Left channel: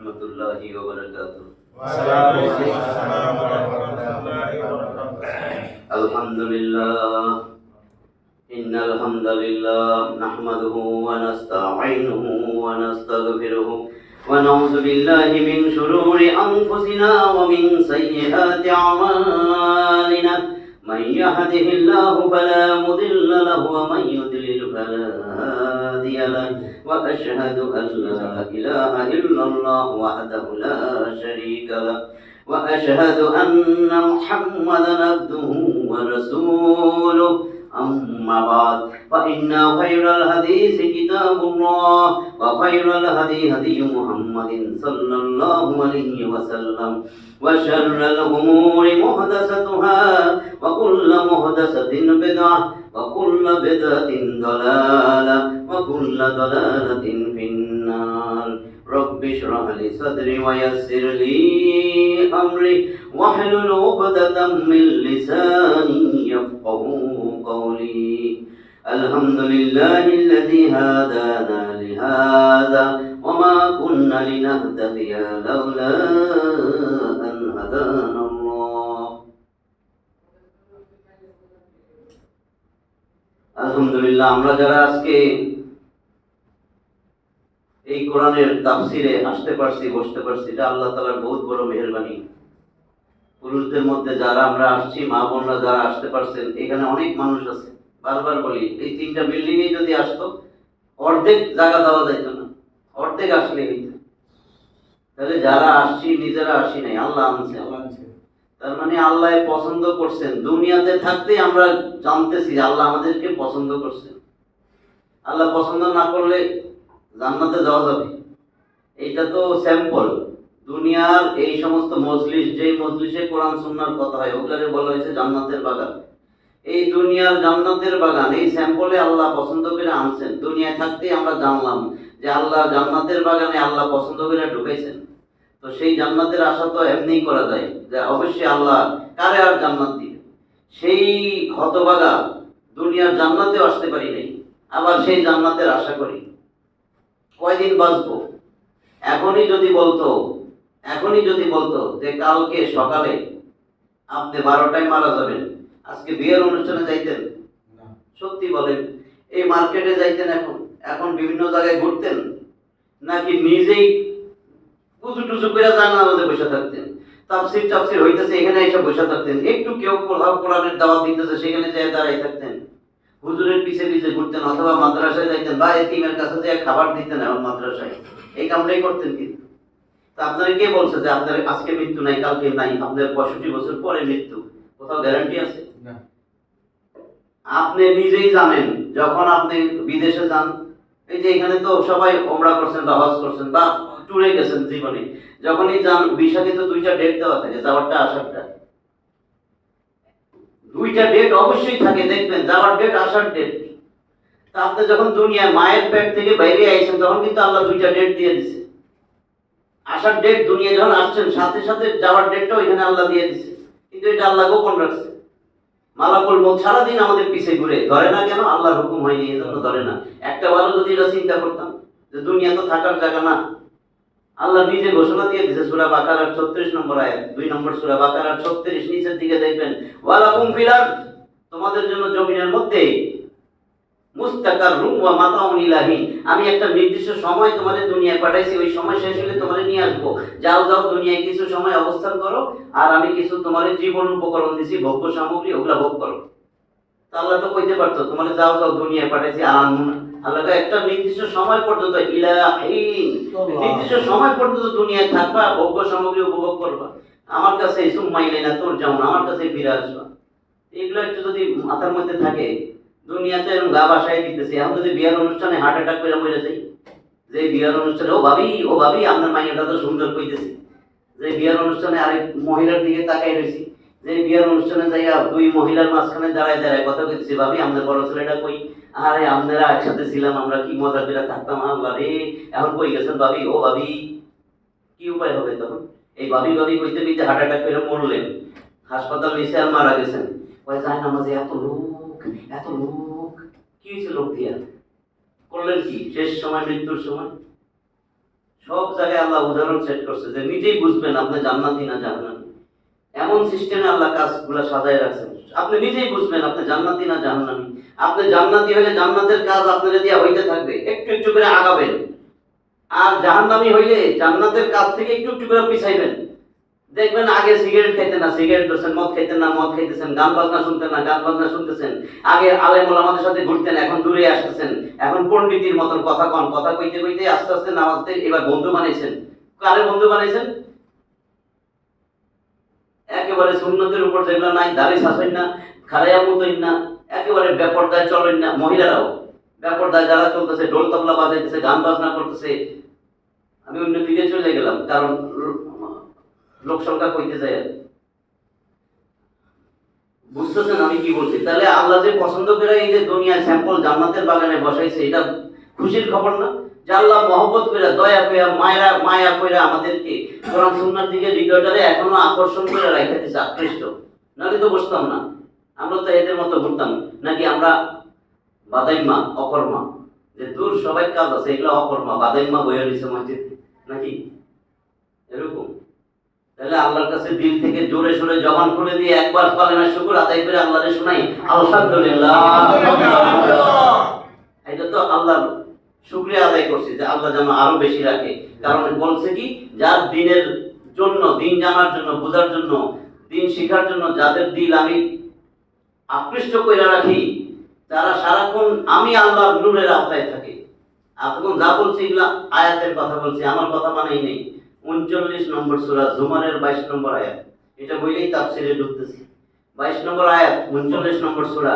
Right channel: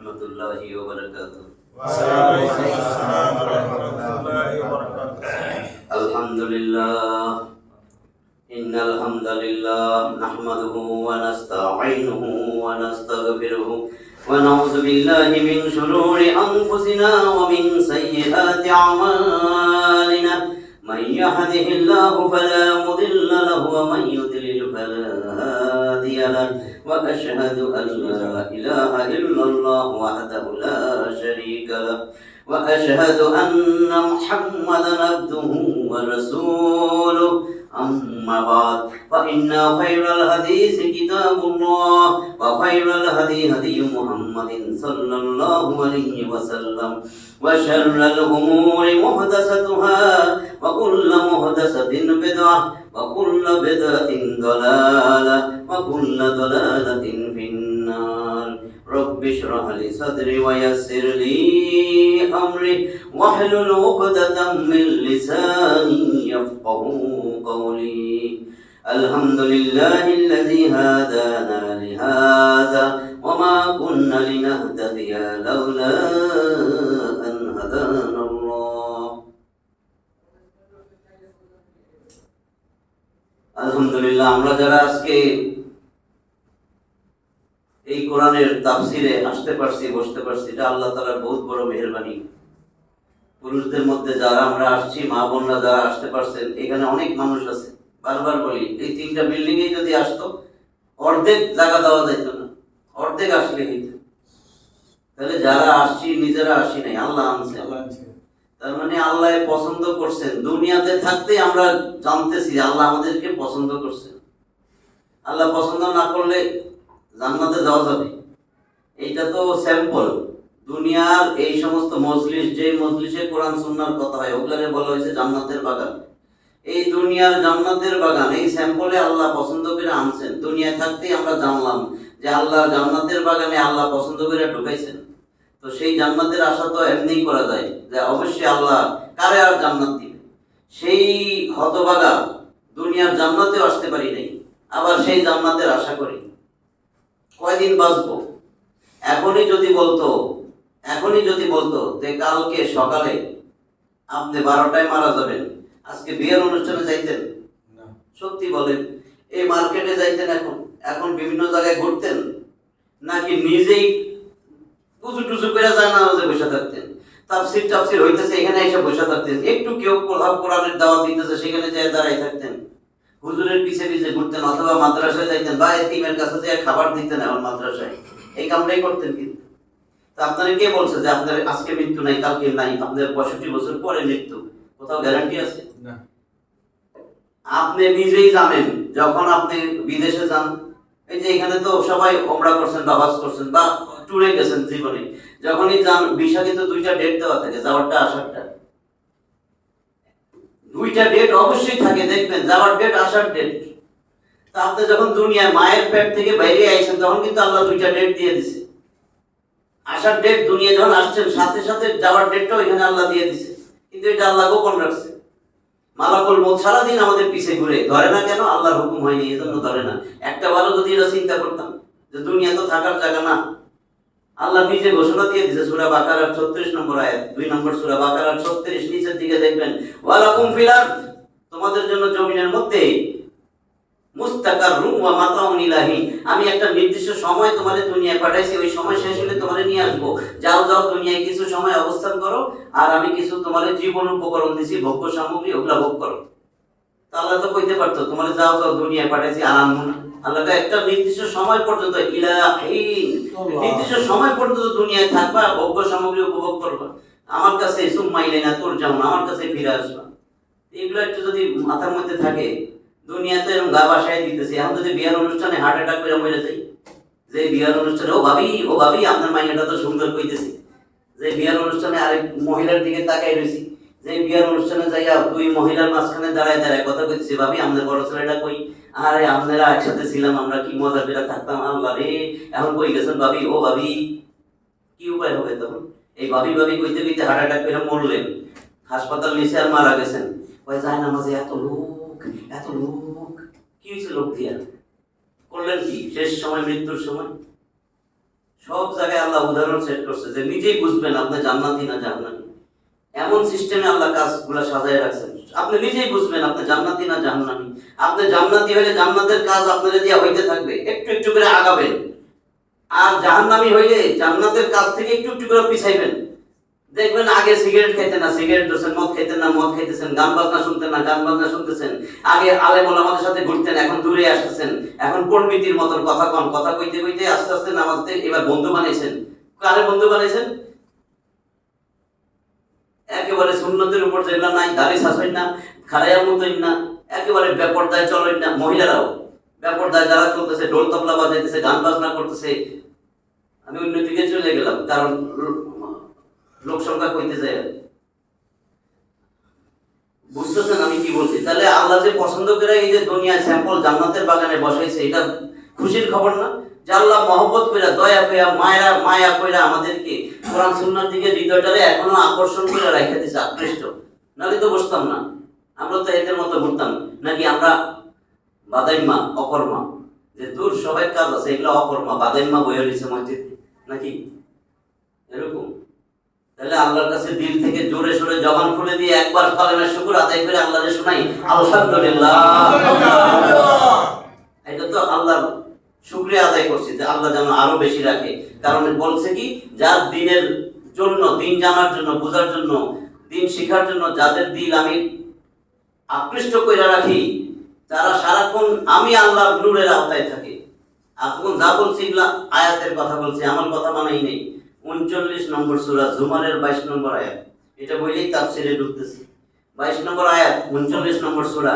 রহমতুল্লাহি ওয়া বারাকাতুহু। ওয়ালাইকুম আসসালাম ওয়া রাহমাতুল্লাহি ওয়া বারাকাতুহু। আলহামদুলিল্লাহ ইন্নাল হামদালিল্লাহ নাহমাদুহু ওয়া নাস্তাঈনুহু ওয়া নাস্তাগফিরুহু ওয়া নাউযু বিল্লাহি মিন শুরুরি আনফুসিনা ওয়া মিন সাইয়্যাতি আমালিনা মান ইয়াহদিহিল্লাহু ফালা মুদিল্লা লাহু ওয়া মান ইউদ্লিল ফালা হাদিয়া লাহু ওয়া আশহাদু আন লা ইলাহা ইল্লাল্লাহু ওয়াহদাহু লা শারীকা লাহু ওয়া আশহাদু আন্না মুহাম্মাদান আবদুহু ওয়া রাসূলুহু أما بعد فإن خير الحديث كتاب الله وخير الهدي هدي محمد صلى الله عليه وسلم وشر الأمور محدثاتها وكل محدثة بدعة وكل بدعة ضلالة وكل ضلالة في النار رب اشرح لي صدري ويسر لي أمري واحلل عقدة من لساني يفقهوا قولي الحمد لله الذي هدانا لهذا وما كنا لنهتدي لولا أن هدانا الله আলহামদুলিল্লাহ আমরা যারা আজকে এই কোরআনের তাফসিরে আসতে পারছি, বসতে পারছি, এটা আল্লাহ তাআলার বহুত বড় মেহেরবানি। পুরুষদের মধ্যে যারা আমরা আসছি, মা বোনরা যারা আসতে পারছেন, এখানে অনেক মানুষ আছে। বারবার বলি, এই 3টা বিল্ডিং এ যদি আসতো অর্ধেক জায়গা দেওয়া যেত না, অর্ধেক আসলে হইতো। তাহলে যারা আসছি নিজেরা আসি নাই, আল্লাহ আনছে। তার মানে আল্লাহ পছন্দ করছেন। দুনিয়াতে থাকতেই আমরা জানতেছি আল্লাহ আমাদেরকে পছন্দ করছেন। আল্লাহ পছন্দ না করলে জান্নাতে যাওয়া যাবে? এইটা তো স্যাম্পল। দুনিয়ার এই সমস্ত মজলিস, যে মজলিসে কোরআন সুন্নাহর কথা হয়, ওগুলারে বলা হয়েছে জান্নাতের বাগান। এই দুনিয়ার জান্নাতের বাগান, এই স্যাম্পলে আল্লাহ পছন্দ করে আনছেন। দুনিয়ায় থাকতেই আমরা জানলাম যে আল্লাহ জান্নাতের বাগানে আল্লাহ পছন্দ করে ঢুকাইছেন। তো সেই জান্নাতের আশা তো এমনিই করা যায় যে অবশ্যই আল্লাহ কারে আর জান্নাত দিবে। সেই হতভাগা দুনিয়ার জান্নাতেও আসতে পারি নাই, আবার সেই জান্নাতের আশা করি। কয়দিন বাঁচবো? এখনই যদি বলতো যে কালকে সকালে আপনি 12টায় মারা যাবেন, আজকে বিয়ের অনুষ্ঠানে যাইতেন? সত্যি বলেন, এই মার্কেটে যাইতেন? এখন বিভিন্ন জায়গায় ঘুরতেন? নাকি নিজেই কুচু টুচু করে যায় না বসে থাকতেন? তাফসির হইতেছে, এখানে এসে বসে থাকতেন। একটু কেউ কোরআনের দাওয়াত দিতেছে, সেখানে যায় দাঁড়াই থাকতেন। হুজুরের পিছে পিছে ঘুরতেন, অথবা মাদ্রাসায় যাইতেন বা এতিমের কাছে যে খাবার দিতেন এখন মাদ্রাসায়। এই কামটাই করতেন। কিন্তু তা আপনারা কে বলছে যে আপনার আজকে মৃত্যু নাই, কালকে নাই, আপনার 65 বছর পরে মৃত্যু? কোথাও গ্যারান্টি আছে? না। আপনি নিজেই জানেন, যখন আপনি বিদেশে যান, এই যে এখানে তো সবাই ওমরা করছেন বা হজ করছেন বা ট্যুরে গেছেন জীবনে, যখনই যান ভিসা কিন্তু 2টা ডেট দেওয়া থাকে, যাওয়ারটা আসারটা। 2টা ডেট অবশ্যই থাকে, দেখবেন, যাওয়ার ডেট, আসার ডেট। তা আপনি যখন দুনিয়ায় মায়ের পেট থেকে বাইরে আইছেন, তখন কিন্তু আল্লাহ 2টা ডেট দিয়ে দিছে। আসার ডেট, দুনিয়া যখন আসছেন সাথে সাথে যাওয়ার ডেটটাও এখানে আল্লাহ দিয়ে দিছে। কিন্তু এটা আল্লাহ গোপন রাখছে। মালাকুল মউত সারাদিন আমাদের পিছে ঘুরে, ধরে না কেন? আল্লাহর হুকুম হয়নি, এজন্য ধরে না। একটা বারও যদি এটা চিন্তা করতাম যে দুনিয়া তো থাকার জায়গা না, আল্লাহ নিজে ঘোষণা দিয়ে দিয়েছে সূরা বাকারার 36 নম্বর আয়াত, 2 নম্বর সূরা বাকারার 36, নিচের দিকে দেখবেন, ওয়ালাকুম ফিল আরদ, তোমাদের জন্য জমিনের মধ্যে মুস্তাকাররুম ওয়া মাতাউন ইলাহি, আমি একটা নির্দিষ্ট সময় তোমাদের দুনিয়ায় পাঠাইছি, ওই সময় শেষ হলে তোমাদের নিয়ে আসবো। যাও দুনিয়ায় কিছু সময় অবস্থান করো, আর আমি কিছু তোমাদের জীবন উপকরণ দিছি, ভোগ্য সামগ্রী, ওগুলা ভোগ করো। তা আল্লাহ তো কইতে পারতো তোমাদের যাও দুনিয়ায় পাঠাইছি, আরাম না। আল্লাহ একটা নির্দিষ্ট সময় পর্যন্ত, নির্দিষ্ট সময় পর্যন্ত দুনিয়ায় থাকবা, ভোগ্য সামগ্রী উপভোগ করবা, আমার কাছে সুম্মা ইলাইনা তুরজাউন, আমার কাছে ফিরে আসবা। এগুলো একটু যদি মাথার মধ্যে থাকে, দুনিয়াতে এরকম গা বাসায় দিতেছে। এখন যদি বিয়ার অনুষ্ঠানে হার্ট অ্যাটাক করে মরে যাই, যে বিয়ার অনুষ্ঠানে ও ভাবি আপনার মাইয়াটা তো সুন্দর কইতেছে, যে বিয়ার অনুষ্ঠানে আরেক মহিলার দিকে তাকাই রয়েছি, যে বিয়ার অনুষ্ঠানে যাইয়া 2 মহিলার মাঝখানে দাঁড়ায় কথা কইতেছে, ভাবি আপনার বড় ছেলেটা কই? আরে আপনারা একসাথে ছিলাম, আমরা কি মজা করে থাকতাম, আল্লাহ রে, এখন কই গেছেন ভাবি? ও ভাবি, কি উপায় হবে তখন? এই ভাবি কইতে কইতে হার্ট অ্যাটাক করে মরলেন, হাসপাতাল নিচে আর মারা গেছেন। ওই যায় না মাঝে এত লোক, কি হয়েছে? লোক দিয়া করলেন কি শেষ সময়, মৃত্যুর সময়? সব জায়গায় আল্লাহ উদাহরণ সেট করছে যে নিজেই বুঝবেন আপনি জান্নাতি না জাহান্নামী। এমন সিস্টেমে আল্লাহ কাজগুলো সাজায় রাখছেন, আপনি নিজেই বুঝবেন আপনি জান্নাতি না জাহান্নামী। আপনি জান্নাতি হলে জান্নাতের কাজ আপনাদের দিয়ে হইতে থাকবে, একটু একটু করে আগাবেন। আর জাহান্নামী হইলে জান্নাতের কাজ থেকে একটু একটু করে পিছাইবেন। দেখবেন আগে সিগারেট খাইতেন না সিগারেট ধরছেন, মদ খাইতেন না মদ খাইতেছেন, গান বাজনা শুনতেন না গান বাজনা শুনতেছেন। আগে আলেম ওলামাদের সাথে ঘুরতেন, এখন দূরে আসতেছেন। এখন পণ্ডিতির মতন কথা কন, কথা কইতে কইতে আস্তে আস্তে নামাজতে এবার বন্ধু বানাইছেন। কারে বন্ধু বানাইছেন? একেবারে সুন্নতের উপর যেগুলো নাই, দাড়ি শাসেন না, খারাইয়া মতইন না, একেবারে বেপরদায় চলেন না। মহিলারাও বেপরদায় যারা চলতেছে, ঢোল তবলা বাজাইতেছে, গান বাজনা করতেছে। আমি অন্যদিকে চলে গেলাম, কারণ লোক সংখ্যা কইতে যায়। বুঝতেছেন আমি কি বলছি? তাহলে আল্লাহ যে পছন্দ করে এই যে দুনিয়ায় স্যাম্পল জান্নাতের বাগানে বসাইছে, এটা খুশির খবর না? যে আল্লাহ মহব্বত করে, দয়া করে, মায়া করে আমাদেরকে কোরআন সুন্নাহর দিকে হৃদয়টারে এখনো আকর্ষণ করে রাখা দিয়েছে, আকৃষ্ট। নাহলে তো বসতাম না, আমরা তো এদের মতো ঘুরতাম। নাকি আমরা বাদাইমা অকর্মা, যে দূর সবাই কাজ আছে, এগুলো অকর্মা, বাদাইমা বইয়ে রয়েছে মসজিদে নাকি এরকম? তাহলে আল্লাহর কাছে দিল থেকে জোরে সোরে জবান খুলে দিয়ে একবার কালেমার শুকর আদায় করে আল্লাহরে শোনাই আলহামদুলিল্লাহ। এটা তো আল্লাহর শুকরিয়া আদায় করছি যে আল্লাহ যেন আরো বেশি রাখে। কারণ বলছে কি, যার দিনের জন্য, দিন জানার জন্য, বোঝার জন্য, দিন শিখার জন্য যাদের দিল আমি আকৃষ্ট করে রাখি, তারা সারাক্ষণ আমি আল্লাহর নূরের আওতায় থাকে। এখন যা বলছি এগুলা আয়াতের কথা বলছি, আমার কথা মানেই নেই। 39 নম্বর সূরা জুমারের 22 নম্বর আয়াত, এটা বইলেই তাফসীরে ঢুকতেছি। 22 নম্বর আয়াত 39 নম্বর সূরা,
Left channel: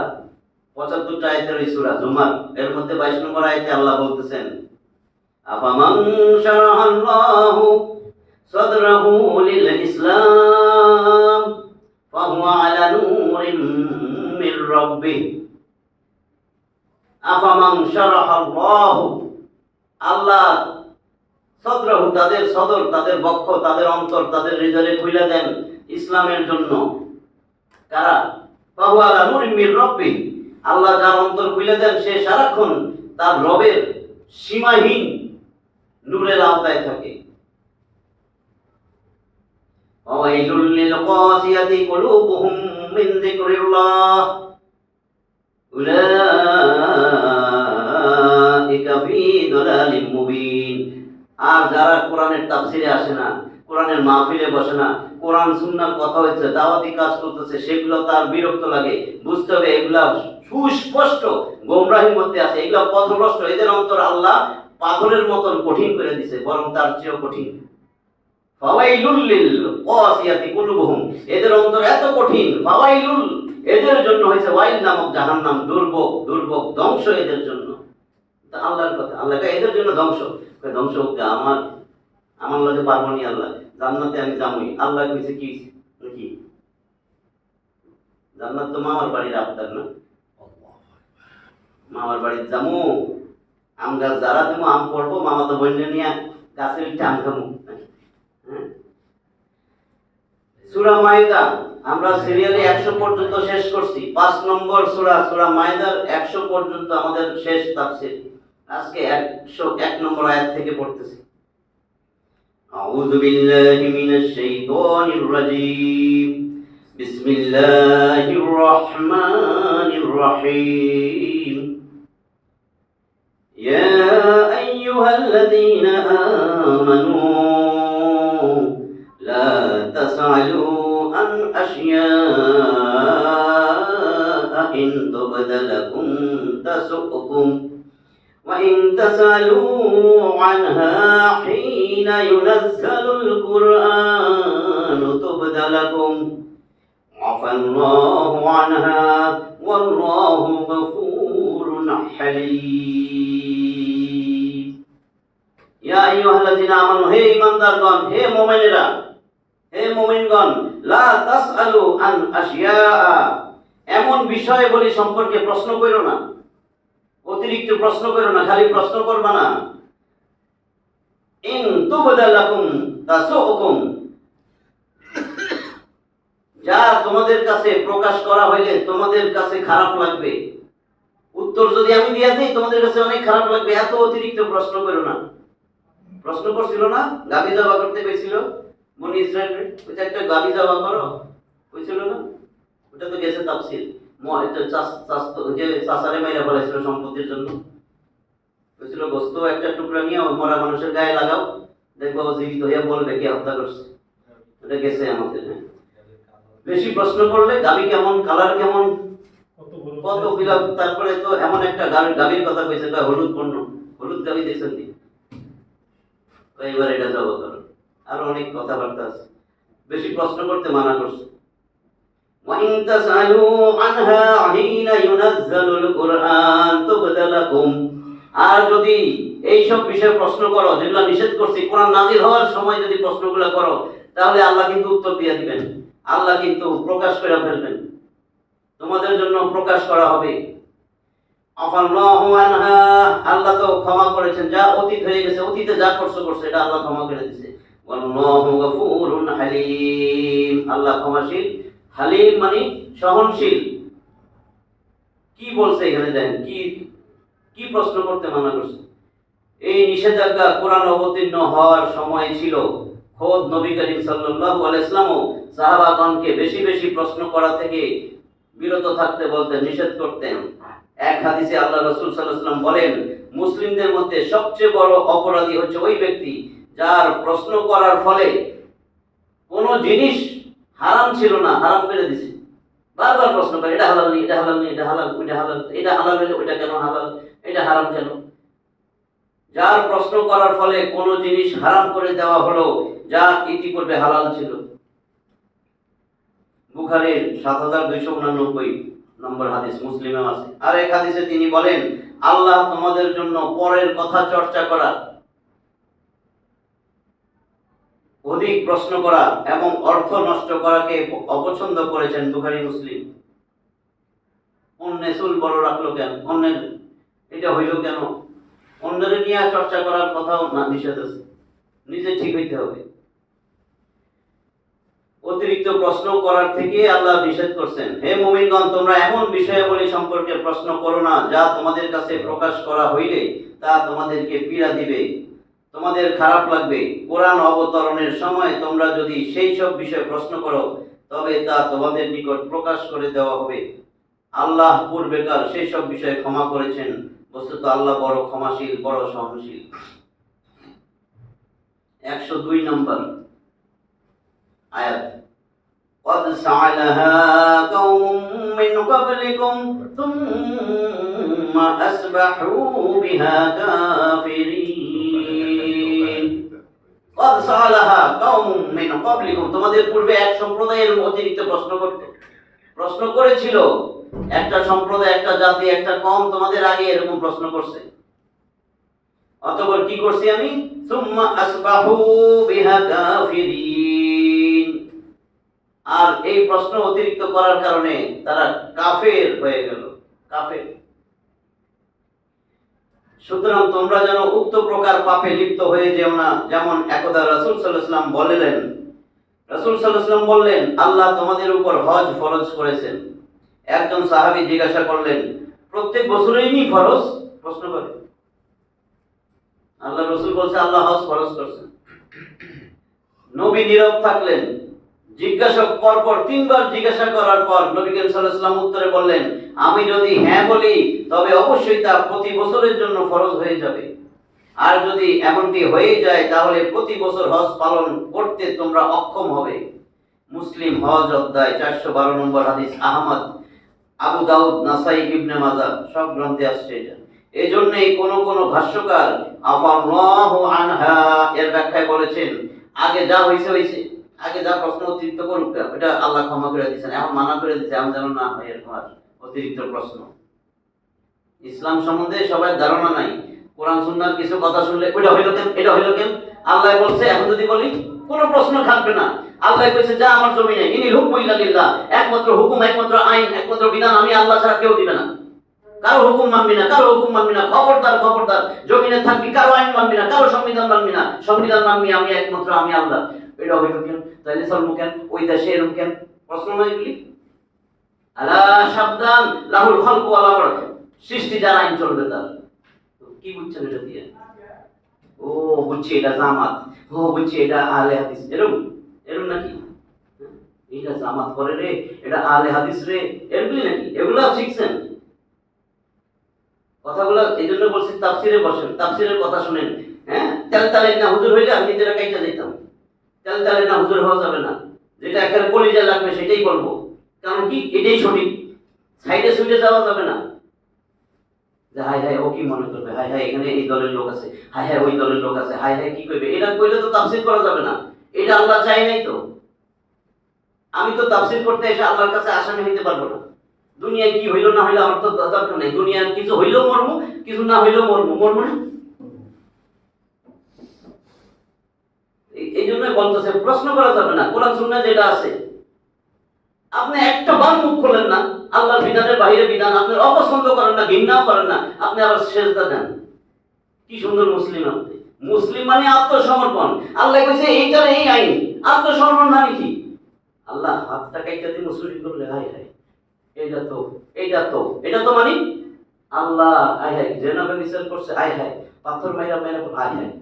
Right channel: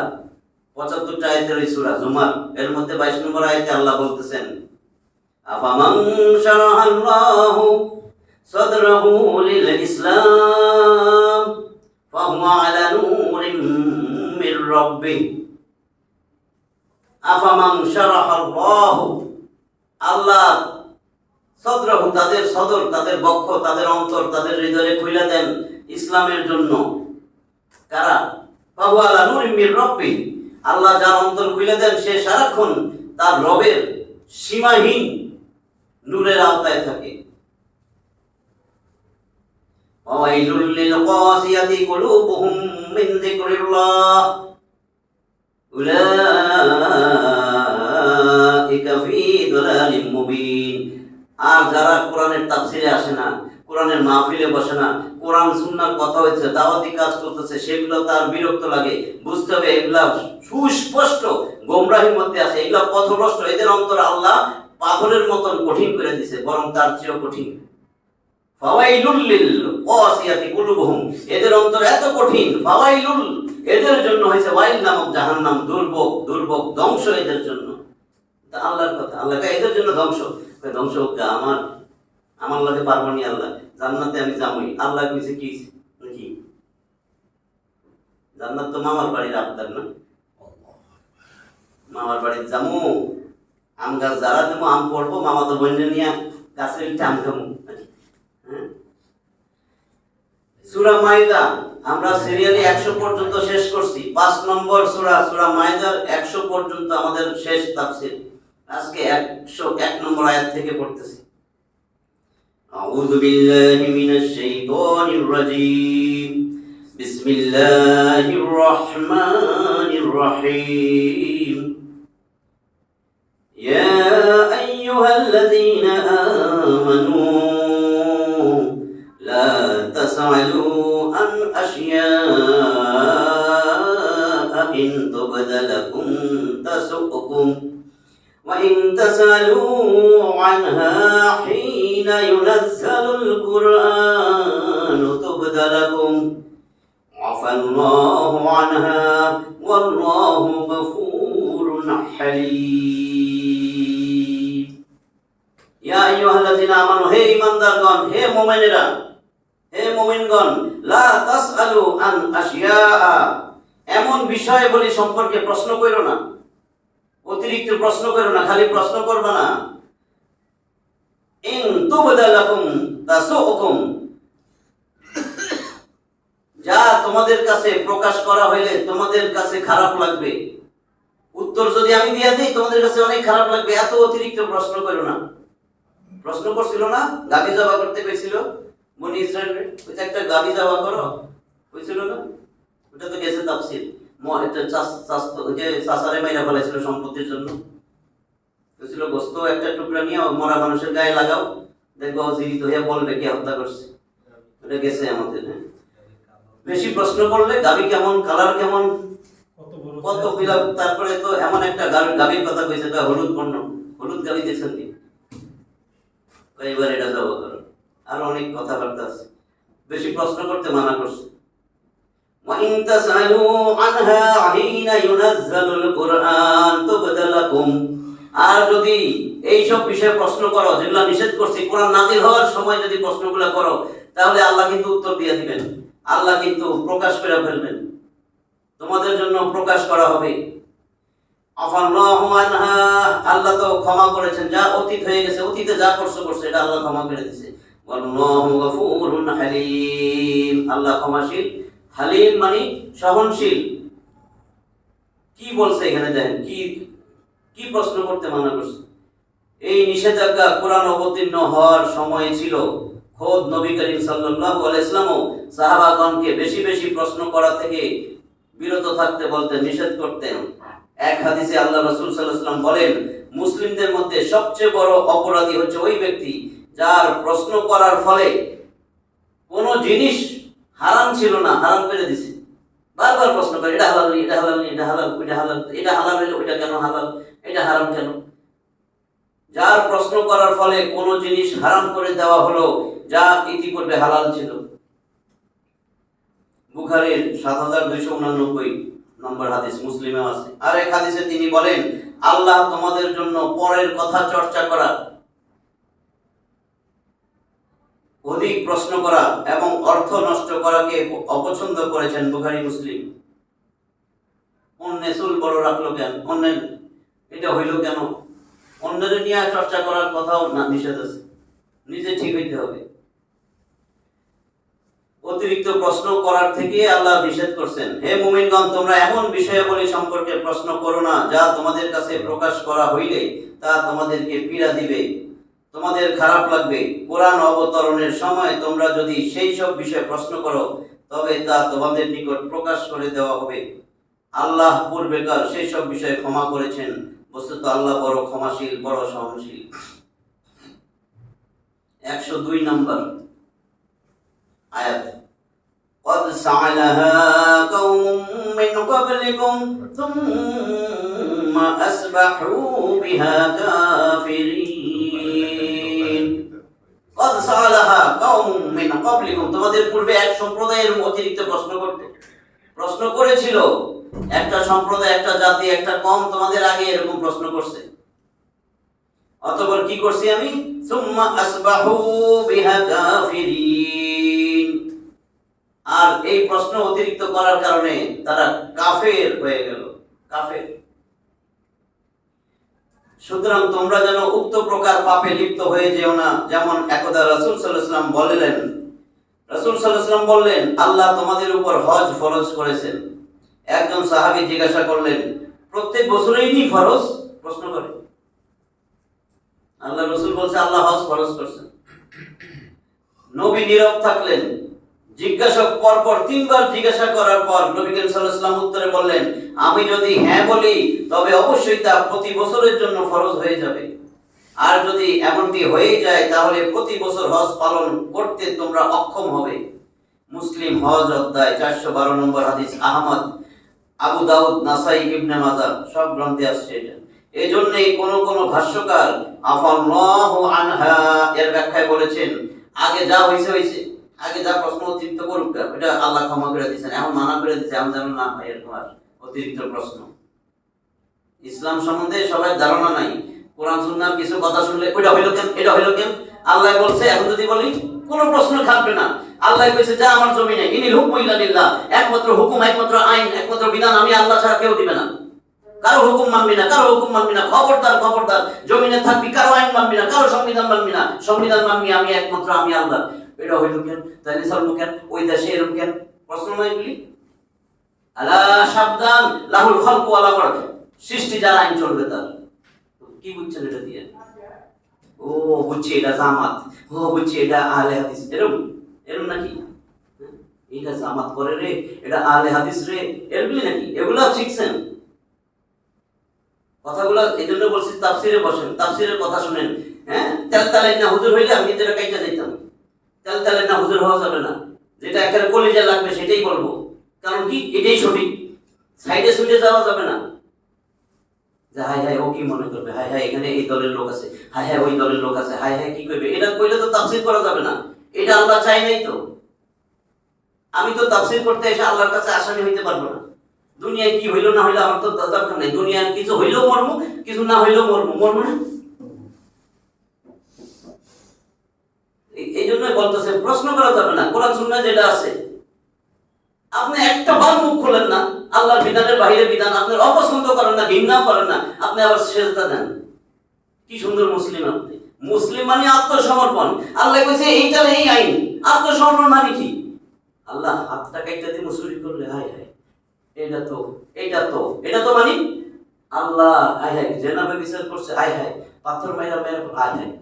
75টা আয়াতের এই সূরা জুমার, এর মধ্যে 22 নম্বর আয়াতে আল্লাহ বলতেছেন, আফামান শারাহাল্লাহু সাদরাহু লিল ইসলাম ফাহুয়া আলা নূরিন মির রাব্বিহ। আফামান শারাহাল্লাহু, আল্লাহ সদরাহু, তাদের সদর, তাদের বক্ষ, তাদের অন্তর, তাদের হৃদয়ে খুলে দেন ইসলামের জন্য। কারা? ফাহুয়া আলা নূরিন মির রাব্বিহ, আল্লাহ যার অন্তর খুলে দেন সে সারাক্ষণ তার রবের সীমাহীন নূরের আওতায় থাকে। ওয়াইলুল লিল কাসিয়াতি কুলুবুহুম মিন যিকরিল্লাহ উলাইকা ফী দালালিম মুবিন। আর যারা কোরআনের তাফসিরে আসে না, কোরআনের মাহফিলে বসে না, কোরআন সুন্নাহর কথা হচ্ছে, দাওয়াতি কাজ করতেছে, সেগুলো তার বিরক্ত লাগে। বুঝতে হবে এগুলা সুস্পষ্ট গোমরাহির মধ্যে আছে, এগুলা পথভ্রষ্ট। এদের অন্তর আল্লাহ পাথরের মতন কঠিন করে দিছে, বরং তার চেয়েও কঠিন। ফাওয়াইলুল লিল কাসিয়াতি কুলুবুহুম, এদের অন্তর এত কঠিন। ফাওয়াইলুল, এদের জন্য হয়েছে ওয়াইল নামক জাহান্নাম, দুর্ভোগ, দুর্ভোগ, ধ্বংস এদের জন্য। আল্লাহর কথা, আল্লাহ এদের জন্য ধ্বংস। ধ্বংস হোক, আমার লাগে পারবো নি, আল্লাহ জান্নাতে আমি যাবই। আল্লাহ কইছে কি নাকি? জান্নাত তো মামার বাড়ির আবদার না? মামার বাড়ির যামু, আম গাছ যারা দেবো, আম পড়বো, মামা তো বললে নিয়ে গাছের আম খামু। সূরা মাইদা আমরা সিরিয়ালে 100 পর্যন্ত শেষ করছি। 5 নম্বর সূরা, সূরা মাইদার 100 পর্যন্ত আমাদের শেষ তাফসীর। আজকে 101 নম্বর আয়াত থেকে পড়তেছি। আউযু বিল্লাহি মিনাশ শাইতানির রাজীম, বিসমিল্লাহির রহমানির রহিম। ইয়া আইয়ুহাল্লাযীনা আমানু লা তাসআলু আন আশিয়াআ ইন তুবদা লাকুম তাসুকুম وإن تسألوا عنها حين ينزل القرآن تبد لكم عفى الله عنها والله غفور حليم يا أيها الذين آمنوا হে ঈমানদারগণ, হে মুমিনেরা, হে মুমিনগণ, লা তাসআলু আন আশিয়া, এমন বিষয়গুলি সম্পর্কে প্রশ্ন করো না, অতিরিক্ত প্রশ্ন করো না, খালি প্রশ্ন করবা না। ইন তুবদা লাকুম তাসুকুম, যা তোমাদের কাছে প্রকাশ করা হইলে তোমাদের কাছে খারাপ লাগবে। উত্তর যদি আমি দিয়ে দিই তোমাদের কাছে অনেক খারাপ লাগবে, এত অতিরিক্ত প্রশ্ন করো না। প্রশ্ন করছিল না, গাভী জবাই করতে গেছিল বনি ইসরায়েল, ওই যে একটা গাভী জবাই করো হয়েছিল না, ওটা তো গেছে তাফসীর। যে চাচারে মাইরা বলেছিল সম্পত্তির জন্য, হয়েছিল গোস্ত একটা টুকরা নিয়ে মরা মানুষের গায়ে লাগাও, দেখবো জীবিত হইয়া বলবে কে হত্যা করছে। ওটা গেছে আমাদের। হ্যাঁ, বেশি প্রশ্ন করলে গাভী কেমন, কালার কেমন, কত বিলাপ, তারপরে তো এমন একটা গাভীর কথা কইছে, হলুদ বর্ণ, হলুদ গাভী দেখছেন কি, এবার এটা যাবো করো, আরো অনেক কথাবার্তা আছে। বেশি প্রশ্ন করতে মানা করছে। وَإِن تَسْأَلُوا عَنْهَا حِينَ يُنَزَّلُ الْقُرْآنُ تُبْدَ لَكُمْ, আর যদি এই সব বিষয়ে প্রশ্ন করো যেগুলো নিষেধ করছি, কোরআন নাজিল হওয়ার সময় যদি প্রশ্নগুলো করো, তাহলে আল্লাহ কিন্তু উত্তর দিয়ে দিবেন, আল্লাহ কিন্তু প্রকাশ করে ফেলবেন, তোমাদের জন্য প্রকাশ করা হবে। আফাল্লাহু আনহা, আল্লাহ তো ক্ষমা করেছেন, যা অতীত হয়ে গেছে, অতীতে যা করছো এটা আল্লাহ ক্ষমা করে দিয়েছে। ওয়াল্লাহু গফুরুন হালিম, আল্লাহ ক্ষমাশীল, হালিম মানে সহনশীল। কি বলছে এখানে, দেখেন কি কি প্রশ্ন করতে মানা করছে। এই নিষেধাজ্ঞা কোরআন অবতীর্ণ হওয়ার সময় ছিল, খোদ নবী করিম সাল্লাল্লাহু আলাইহি ওয়াসাল্লাম সাহাবাগণকে বেশি বেশি প্রশ্ন করা থেকে বিরত থাকতে বলতেন, নিষেধ করতেন। এক হাদিসে আল্লাহ রাসূল সাল্লাল্লাহু আলাইহি ওয়াসাল্লাম বলেন, মুসলিমদের মধ্যে সবচেয়ে বড় অপরাধী হচ্ছে ওই ব্যক্তি যার প্রশ্ন করার ফলে কোনো জিনিস হারাম ছিল না হারাম করে দিছে, বারবার প্রশ্ন করে, এটা হালাল, এটা হালাল, এটা হালাল, ওইটা হালাল, এটা হালাল হলে ওইটা কেন হালাল, এটা হারাম কেন। যার প্রশ্ন করার ফলে কোনো জিনিস হারাম করে দেওয়া হলো যা ইতিপূর্বে হালাল ছিল। বুখারীর ৭২৮৯ নম্বর হাদিস, মুসলিমেও আছে। আর এক হাদিসে তিনি বলেন, আল্লাহ তোমাদের জন্য পরের কথা চর্চা করা, অধিক প্রশ্ন করা এবং অর্থ নষ্ট করাকে অপছন্দ করেছেন। বুখারী মুসলিম। অন্যের চুল বড় রাখলো কেন, অন্যের এটা হইল কেন, অন্যের নিয়ে চর্চা করার কথাও না, নিষেধ আছে, নিজে ঠিক হইতে হবে। অতিরিক্ত প্রশ্ন করার থেকে আল্লাহ নিষেধ করছেন, হে মুমিনগণ, তোমরা এমন বিষয়াবলী সম্পর্কে প্রশ্ন করো না যা তোমাদের কাছে প্রকাশ করা হইলে তা তোমাদেরকে পীড়া দিবে, তোমাদের খারাপ লাগবে। কোরআন অবতরণের সময় তোমরা যদি সেই সব বিষয়ে প্রশ্ন করো তবে তা তোমাদের নিকট প্রকাশ করে দেওয়া হবে। আল্লাহ পূর্বেকার সেই সব বিষয়ে ক্ষমা করেছেন, বস্তুত আল্লাহ বড় ক্ষমাশীল, বড় সহনশীল। ১০২ নম্বর আয়াত, قد سعلها قوم من قبلكم ثم أصبحوا بها كافرين। قد سعلها قوم من قبلكم, তোমাদের পূর্বে এক সম্প্রদায়ের অতিরিক্ত প্রশ্ন করেছিল, একটা সম্প্রদায়, একটা জাতি, একটা কওম তোমাদের আগে এরকম প্রশ্ন করছে। অতঃপর কি করছি আমি, সুম্মা আসবাহু বিহা কাফিরিন, আর এই প্রশ্ন অতিরিক্ত করার কারণে তারা কাফের হয়ে গেল, কাফের। সুতরাং তোমরা যেন উক্ত প্রকার পাপে লিপ্ত হয়ে যেও না, যেমন একদা রাসূল সাল্লাল্লাহু আলাইহি ওয়াসাল্লাম বললেন, রাসূল সাল্লাল্লাহু আলাইহি ওয়াসাল্লাম বললেন, আল্লাহ তোমাদের উপর হজ ফরজ করেছেন। একজন সাহাবী জিজ্ঞাসা করলেন, প্রত্যেক বছরেই নি ফরজ? প্রশ্ন করে। আল্লাহ রাসূল বলছে, আল্লাহ হজ ফরজ করেছেন। নবী নীরব থাকলেন। জিজ্ঞাসক পরপর ৩ বার জিজ্ঞাসা করার পর নবী করিম সাল্লাল্লাহু আলাইহি ওয়াসাল্লাম উত্তরে বললেন, আমি যদি হ্যাঁ বলি তবে অবশ্যই তা প্রতি বছরের জন্য ফরজ হয়ে যাবে, আর যদি এমনটি হয়ে যায় তাহলে প্রতি বছর হজ পালন করতে তোমরা অক্ষম হবে। মুসলিম হজ অধ্যায় ৪১২ নম্বর হাদিস, আহমদ, আবু দাউদ, নাসাই, ইবনে মাজাহ সব গ্রন্থে আসছে এটা। এজন্যই কোন ভাষ্যকার আফাল্লাহু আনহা এর ব্যাখ্যায় বলেছেন, আগে যা হইছে হইছে, আগে যা প্রশ্ন অতিরিক্ত করুক এটা আল্লাহ ক্ষমা করে দিয়েছেন, এখন মানা করে দিয়েছে, আমি যেন না হয় এরকম আর অতিরিক্ত প্রশ্ন। ইসলাম সম্বন্ধে সবাই ধারণা নাই, কোরআন সুন্নাহর কিছু কথা শুনলে ওইটা হইল কেন, এটা হইল কেন, আল্লাহ বলছে, এখন যদি বলি কোনো প্রশ্ন থাকবে না। আল্লাহ কইছে, যা আমার জমিনে ইনিল হুকমু ইল্লা লিল্লাহ, একমাত্র হুকুম, একমাত্র আইন, একমাত্র বিধান আমি আল্লাহ ছাড়া কেউ দিবে না। কারো হুকুম মানবি না, কারো হুকুম মানবি না, খবরদার খবরদার, জমিনে থাকবি কারো আইন মানবি না, কারো সংবিধান মানবি না, সংবিধান মানবি আমি একমাত্র আমি আল্লাহ। এটা হইল কেন, তাইলে চলবো কেন, ওই দেশে এরকম কেন, প্রশ্ন নাই বলি। আলা সাবধান, লাহুল খালকু ওয়াল আমর, সৃষ্টি যার আইন চলবে তার। কি বুঝছেন এটা দিয়ে? ও বুঝছি এটা জামাত, ও বুঝছি এটা আহলে হাদিস, এরকম এরকম নাকি? এটা জামাত করে রে, এটা আহলে হাদিস রে, এরকমই নাকি? এগুলা শিখছেন কথাগুলো? এই জন্য বলছি তাফসিরে বসেন, তাফসিরের কথা শুনেন। হ্যাঁ, তেল তালের না হুজুর হইলে আমি যেটা কাইটা যেতাম। তেল তালের না হুজুর হওয়া যাবে না, যেটা একেবারে কলিজায় লাগবে সেটাই বলবো। কারণ কি, এটাই সঠিক। সাইডে সুইডে যাওয়া যাবে না, যে হাই হাই ও কি মনে করবে, হাই হাই এখানে এই দলের লোক আছে, হাই হাই ওই দলের লোক আছে, হাই হাই কি করবে, এটা কইলে তো তাফসির করা যাবে না। এটা আল্লাহ চাই নাই তো। আমি তো তাফসির করতে এসে আল্লাহর কাছে আসামি হইতে পারবো না। দুনিয়ায় কি হইলো না হইলো আমার তো দরকার নেই। দুনিয়ার কিছু হইলেও মরমু, কিছু না হইলেও মরমু না। এই জন্যই বলতেছে প্রশ্ন করা যাবে না। কোরআন সুন্নাহ যেটা আছে, আপনি একটা বার মুখ খোলেন না, আল্লাহর বিধানের বাইরে বিধান আপনি অপছন্দ করেন না, ঘৃণাও করেন না, আপনি আবার সেজদা দেন। কি সুন্দর মুসলিম আপনি! মুসলিম মানে আত্মসমর্পণ। আল্লাহ কইছে এইটার এই আইন। আত্মসমর্পণ মানে কি? আল্লাহ হাতটা কাইটা দিয়ে মুসুরি করলে হাই হাই এটা তো মানে আল্লাহ আয় হায় জেনাবে বিচার করছে, আয় হায় পাথর মাইরা মাইরা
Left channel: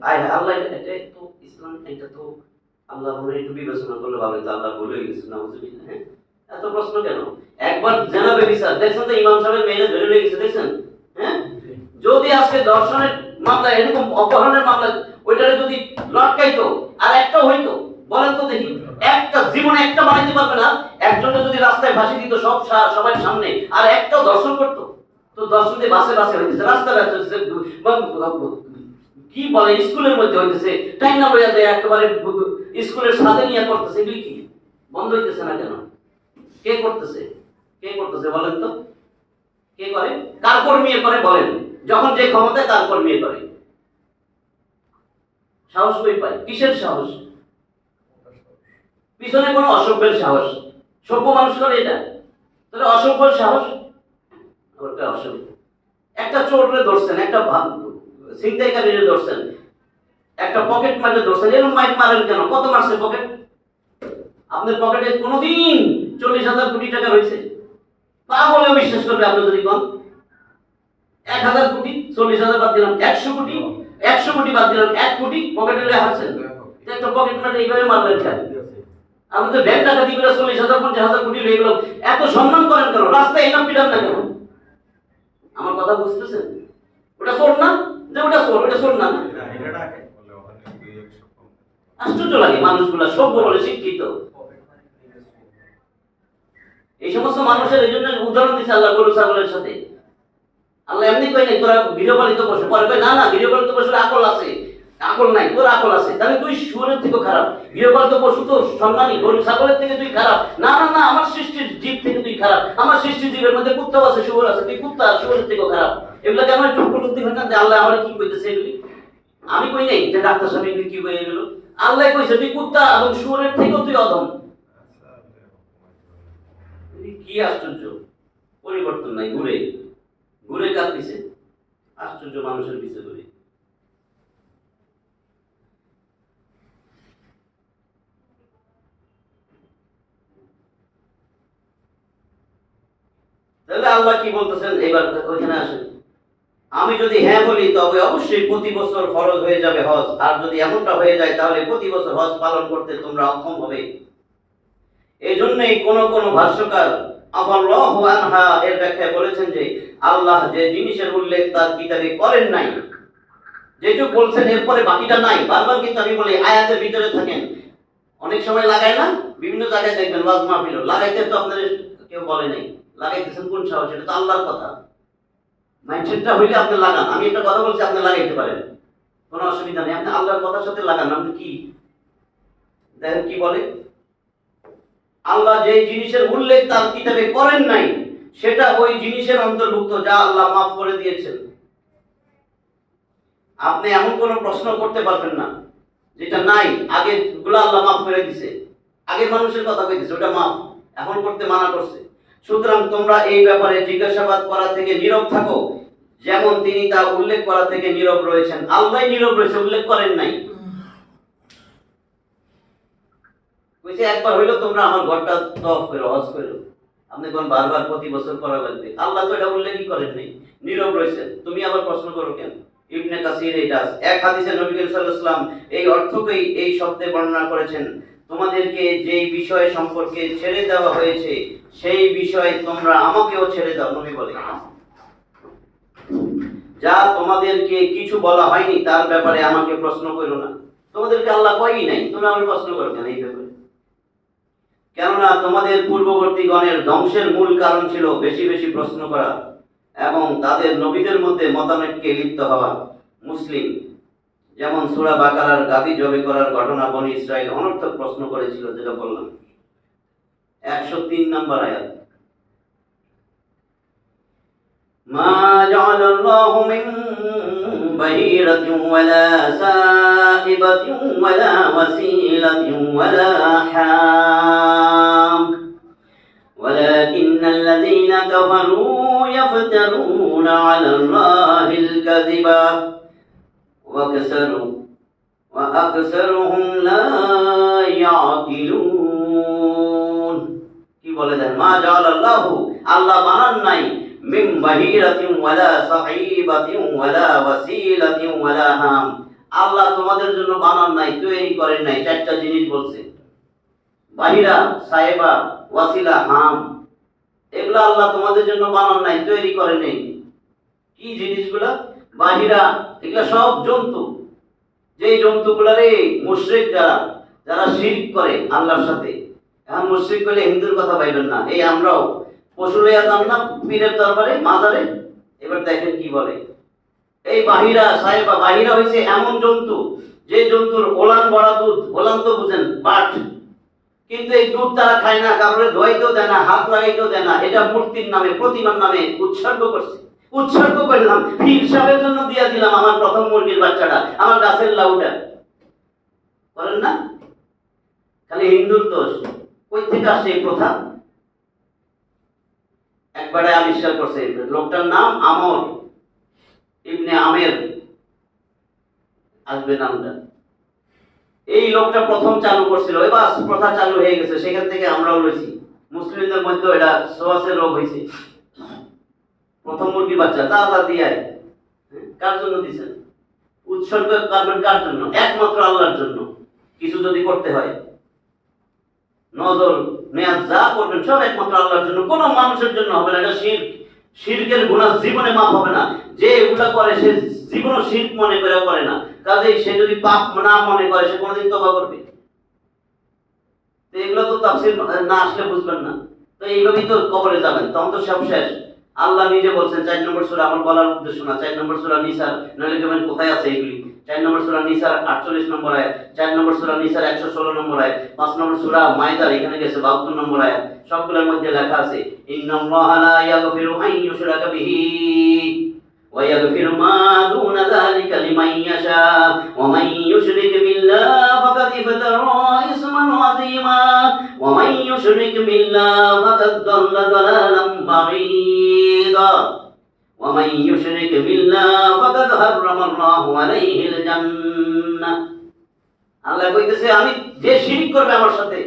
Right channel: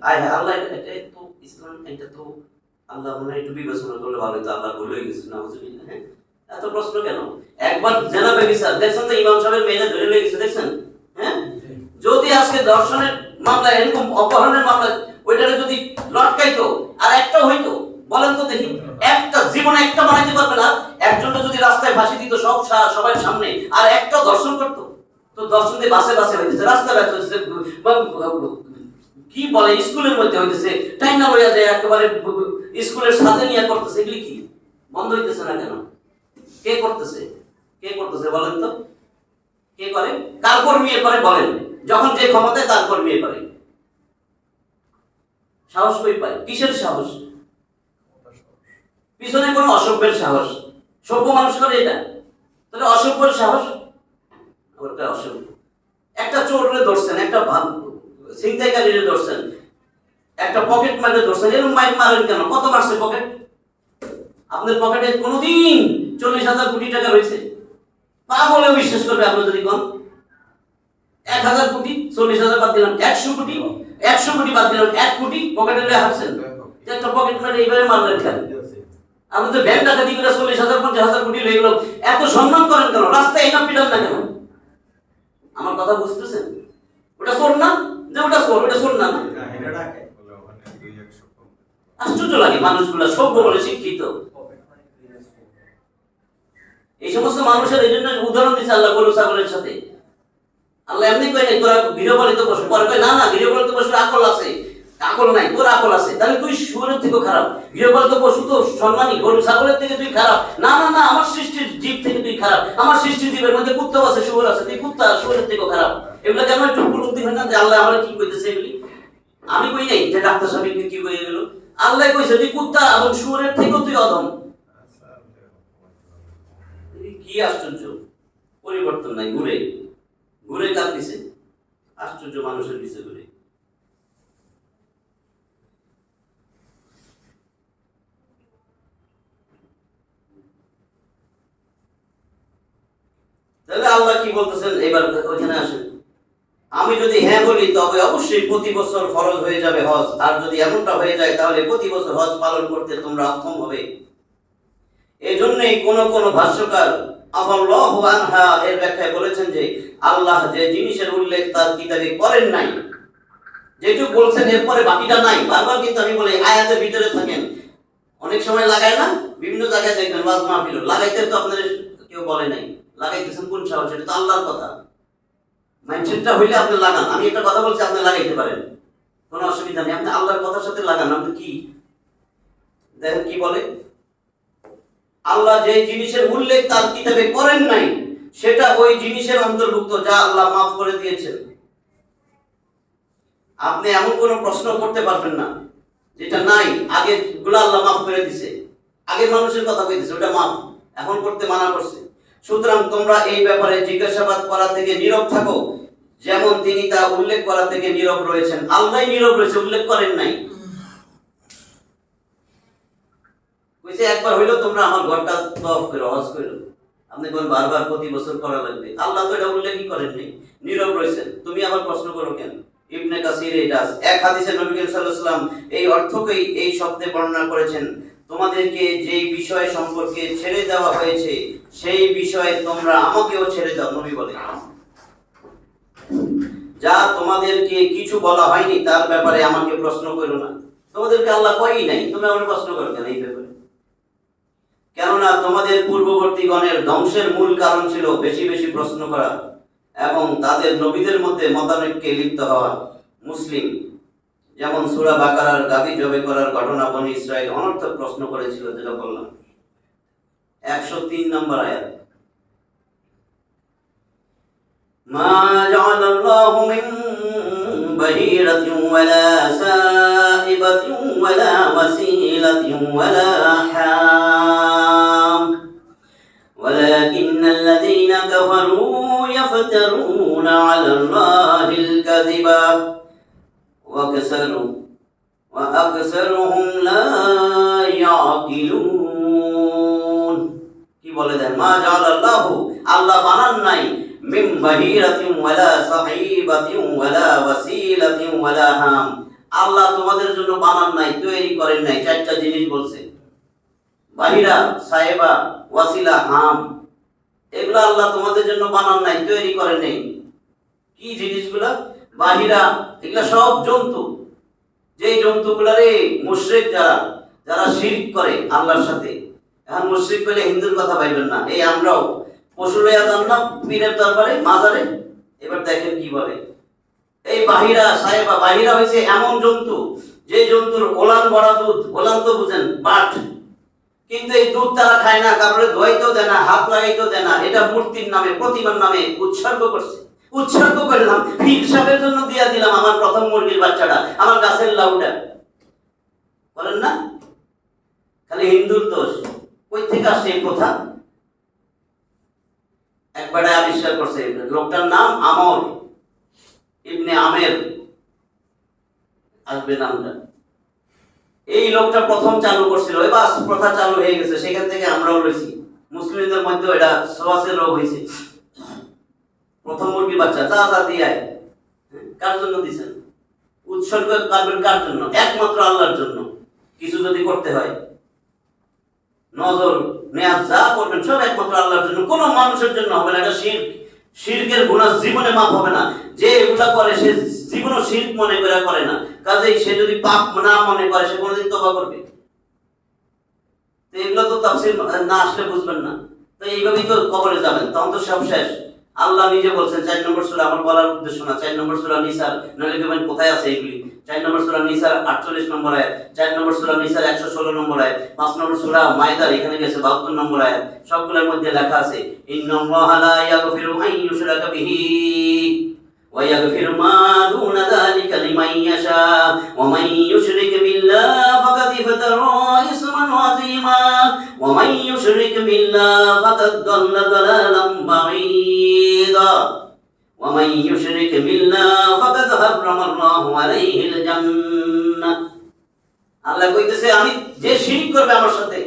আয় হায় আল্লাহ এটা তো ইসলাম, এটা তো আল্লাহ মনে একটু বিবেচনা করলে ভালো হতো। আল্লাহ ভুলে গেছে না বুঝলি? হ্যাঁ, এত প্রশ্ন কেন? একবার জেনাবে বিচার দেখছেন তো, ইমাম সাহেবের মেয়েরা ধরে লেগে গেছে দেখছেন? হ্যাঁ, যদি আজকে দর্শনের মামলা, এরকম অপহরণের মামলা, ওইটারে যদি লটকাইতো আর একটাও হইতো, বলেন তো দেখি, একটা জীবনে একটা বানাইতে পারবে না। একজনকে যদি রাস্তায় ফাঁসি দিত সবার সামনে, আর একটা দর্শন করতো, তো দর্শন দিয়ে বাসে বাসে হইতেছে, রাস্তায় ব্যস্ত হইতেছে, কি বলে স্কুলের মধ্যে হইতেছে, টাইম না লইয়া যায় একেবারে স্কুলের সাথে নিয়ে করতেছে। এগুলি কি বন্ধ হইতেছে না কেন? কে করতেছে? কে করতেছে বলেন তো? কে করে? কার কর্মী করে বলেন? যখন যে ক্ষমতায় তার কর্মী করে। সাহস কই পায়? কিসের সাহস? পিছনে কোনো অসভ্যের সাহস। সভ্য মানুষ করে এটা, তাহলে অসভ্যের সাহস। ওটা অসভ্য। একটা চোররে ধরছেন, একটা ছিনতাইকারীরে ধরছেন, একটা পকেট মারে ধরছেন, এরকম মারেন কেন? কত মারছে পকেট? আপনার পকেটে কোনোদিন 40,000 কোটি টাকা রয়েছে? পাগলেও বিশ্বাস করবে আপনি যদি কোন 1,000 কোটি, 40,000 বাদ দিলাম, 100 কোটি, 100 কোটি বাদ দিলাম, 1 কোটি পকেটে লয়ে হারছেন। একটা পকেট মারে এইভাবে মারলেন কেন? আপনি তো ব্যাংক ডাকাতি করে 40,000 50,000 কোটি লয়ে গেল, এত সম্মান করেন কেন? রাস্তায় এনাম পিটান না কেন? আমার কথা বুঝতেছেন? ওটা চোর না? যে ওটা চোর, ওটা চোর না? আশ্চর্য লাগে মানুষগুলা সভ্য বলে শিক্ষিত। এই সমস্ত মানুষের এই জন্য উদাহরণ দিচ্ছে আল্লাহ গরু ছাগলের সাথে। আল্লাহ এমনি কয় নাই তোরা গৃহপালিত পশু, পরে কয় না না গৃহপালিত পশুর আকল আছে, আকল নাই, তোর আকল আছে, তাহলে তুই শুয়োরের থেকেও খারাপ। গৃহপালিত পশু তো সম্মানী, গরু ছাগলের থেকে তুই খারাপ। না না না, আমার সৃষ্টির জীব থেকে তুই খারাপ। আমার সৃষ্টির জীবের মধ্যে কুত্তাও আছে, শুয়োর আছে, তুই কুত্তা শুয়োরের থেকেও খারাপ। এগুলো কেন একটু উপলব্ধি হয় না যে আল্লাহ আমার কি কইতেছে এগুলি? আমি কই নাই যে ডাক্তার সাহেব এগুলি কি কই গেল। আল্লাহ কইছে তুই কুত্তা এবং শুয়োরের থেকেও তুই অধম। কি আশ্চর্য! পরিবর্তন নাই, ঘুরে ঘুরে কার পিছে? আশ্চর্য মানুষের পিছে ঘুরে। তাহলে আল্লাহ কি বলতেছেন এবার ওইখানে আসেন। আমি যদি হ্যাঁ বলি তবে অবশ্যই প্রতি বছর ফরজ হয়ে যাবে হজ, আর যদি এমনটা হয়ে যায় তাহলে প্রতি বছর হজ পালন করতে তোমরা অক্ষম হবে। এই জন্যই কোন কোন ভাষ্যকার আল্লাহু আনহা এর ব্যাখ্যায় বলেছেন যে আল্লাহ যে জিনিসের উল্লেখ তার কিতাবে করেন নাই, যেটুকু বলছেন এরপরে বাকিটা নাই। বারবার কিন্তু আমি বলি আয়াতের ভিতরে থাকেন, অনেক সময় লাগায় না, বিভিন্ন জায়গায় দেখবেন ওয়াজ মাহফিল লাগাইতে তো আপনাদের কেউ বলে নাই, লাগাইতেছেন কোন সাহস? এটা তো আল্লাহর কথা। মাইন্ডসেটটা হইলে আপনি লাগান। আমি একটা কথা বলছি, আপনি লাগাইতে পারেন, কোনো অসুবিধা নেই। আপনি আল্লাহর কথার সাথে লাগান। আপনি কি দেখেন কি বলে, আল্লাহ যে জিনিসের উল্লেখ তার কিতাবে করেন নাই সেটা ওই জিনিসের অন্তর্ভুক্ত যা আল্লাহ মাফ করে দিয়েছেন। আপনি এমন কোনো প্রশ্ন করতে পারবেন না যেটা নাই, আগে গুলো আল্লাহ মাফ করে দিছে। আগের মানুষের কথা কইতেছে, ওটা মাফ, এখন করতে মানা করছে। সুতরাং তোমরা এই ব্যাপারে জিজ্ঞাসাবাদ করা থেকে নীরব থাকো, যেমন তিনি তা উল্লেখ করা থেকে নীরব রয়েছেন। আল্লাহ নীরব রয়েছে, উল্লেখ করেন নাই। কইছে একবার হইলো তোমরা আমার ঘরটা তওয়াফ করো, হজ করো। আপনি কোন বারবার প্রতি বছর করা লাগবে? আল্লাহ তো এটা উল্লেখই করেন নাই, নীরব রয়েছেন। তুমি আবার প্রশ্ন করো কেন? ইবনে কাসির এটা আছে। এক হাদিসে নবী করিম সাল্লাল্লাহু আলাইহি ওয়াসাল্লাম এই অর্থকেই এই শব্দে বর্ণনা করেছেন, তোমাদেরকে যেই বিষয় সম্পর্কে ছেড়ে দেওয়া হয়েছে সেই বিষয়ে তোমরা আমাকেও ছেড়ে দাও। নবী বলে, যা তোমাদেরকে কিছু বলা হয়নি তার ব্যাপারে আমাকে প্রশ্ন করো না। তোমাদেরকে আল্লাহ কয়ই নাই, তোমরা আমার প্রশ্ন করো কেন এই ব্যাপারে? কেননা তোমাদের পূর্ববর্তীগণের ধ্বংসের মূল কারণ ছিল বেশি বেশি প্রশ্ন করা এবং তাদের নবীদের মধ্যে মতানৈক্যে লিপ্ত হওয়া। মুসলিম, যেমন সূরা বাকারার গাদি জবে করার ঘটনা বনি ইসরাইল অনর্থক প্রশ্ন করেছিল, যেটা বললাম 103 নম্বর আয়াত। মা জাআলাল্লাহু মিন বাহিরাতিন ওয়ালা সাইবাতিন ওয়ালা ওয়াসিলাতিন ওয়ালা হাম ওয়ালাকিন্নাল লাযীনা কাফারু ইয়াফতারুনা আলাল্লাহিল কাযিবা ওয়া আকসারুহুম লা ইয়াকিলুন। কি বলে দেন? মা জাআলাল্লাহু, আল্লাহ বানান নাই, মিন বাহিরাতিন ওয়ালা সাইবাতিন ওয়ালা ওয়াসিলাতিন ওয়ালা হাম, আল্লাহ তোমাদের জন্য বানান নাই, তৈরি করেন নাই। চারটা জিনিস বলছে, বাহিরা, সাইবা, ওয়াসিলা, হাম, এগুলা আল্লাহ তোমাদের জন্য বানান নাই, তৈরি করেন নাই। কি জিনিসগুলা? বাহিরা, এগুলা সব জন্তু, যেই জন্তুগুলারে মুশরিক যারা শিরক করে আল্লাহর সাথে। এখন মুশরিক করলে হিন্দুর কথা পাইবেন না, এই আমরাও পশু লইয়া যান না পীরের দরবারে মাজারে, এবার দেখেন কি বলে। এই বাহিরা, সাহেবা, বাহিরা হইছে এমন জন্তু যে জন্তুর ওলান বড়া দুধ, ওলান তো বুঝেন, বাট, কিন্তু এই দুধ তারা খায় না, কাপড়ে ধোয়াইতেও দেয় না, হাত লাগাইতেও দেয় না। এটা মূর্তির নামে, প্রতিমার নামে উৎসর্গ করছে। উৎসর্গ করলাম, পীর সাহেবের জন্য দিয়া দিলাম আমার প্রথম মুরগির বাচ্চাটা, আমার গাছের লাউটা। বলেন না খালি হিন্দুর দোষ। কই থেকে আসছে এই প্রথা? একবারে আবিষ্কার করছে, লোকটার নাম আমর ইবনে আমের, আসবে নামটা। এই লোকটা প্রথম চালু করছিল, এবার প্রথা চালু হয়ে গেছে, সেখান থেকে আমরাও লইছি। মুসলিমদের মধ্যে এটা সোয়াসের রোগ হয়েছে। প্রথম মুরগি বাচ্চা চা দিয়ে কার জন্য দিছেন? উৎসর্গ করবেন কার জন্য? একমাত্র আল্লাহর জন্য। কিছু যদি করতে হয়, নজর নেয়াজ যা করবেন সব একমাত্র আল্লাহর জন্য, কোনো মানুষের জন্য হবে না। এটা শিরক, শিরকের গুনাহ জীবনে মাফ হবে না। যে এগুলা করে সে জীবনও শিরক মনে করে না, কাজেই সে যদি পাপ না মনে করে সে কোনোদিন তওবা করবে? তো এগুলো তো তাফসীর না আসলে বুঝবেন না। তো এইভাবেই তো কবরে যাবেন, তখন তো সব শেষ। আল্লাহ নিজে বলছেন 4 নম্বর সূরা, আমার বলার উদ্দেশ্য না, 4 নম্বর সূরা নিসার, নইলে দেখবেন কোথায় আছে এগুলি। 4 নম্বর সূরা নিসার 48 নম্বর আয়াত, 4 নম্বর সূরা নিসার 116 নম্বর আয়াত, 5 নম্বর সূরা মাইদার এখানে গেছে 72 নম্বর আয়াত। সবগুলোর মধ্যে লেখা আছে ইন্নাল্লাহা লা ইয়াগফিরু আন ইউশরাকা বিহি ওয়া ইয়াগফিরু মা দুনা যালিকা লিমান ইয়াশা ওয়া মান ইউশরিক বিল্লাহি ফাকাদ ইফতারা ইসমান আযীমা ওয়া মান ইউশরিক বিল্লাহি ফাকাদ দাল্লা দালালাম বাঈদা ওয়া মান ইউশরিক বিল্লাহি ফাকাদ হাররামাল্লাহু আলাইহিল জান্নাহ। আল্লাহ কইতেছে, আমি যে শিরক করবে আমার সাথে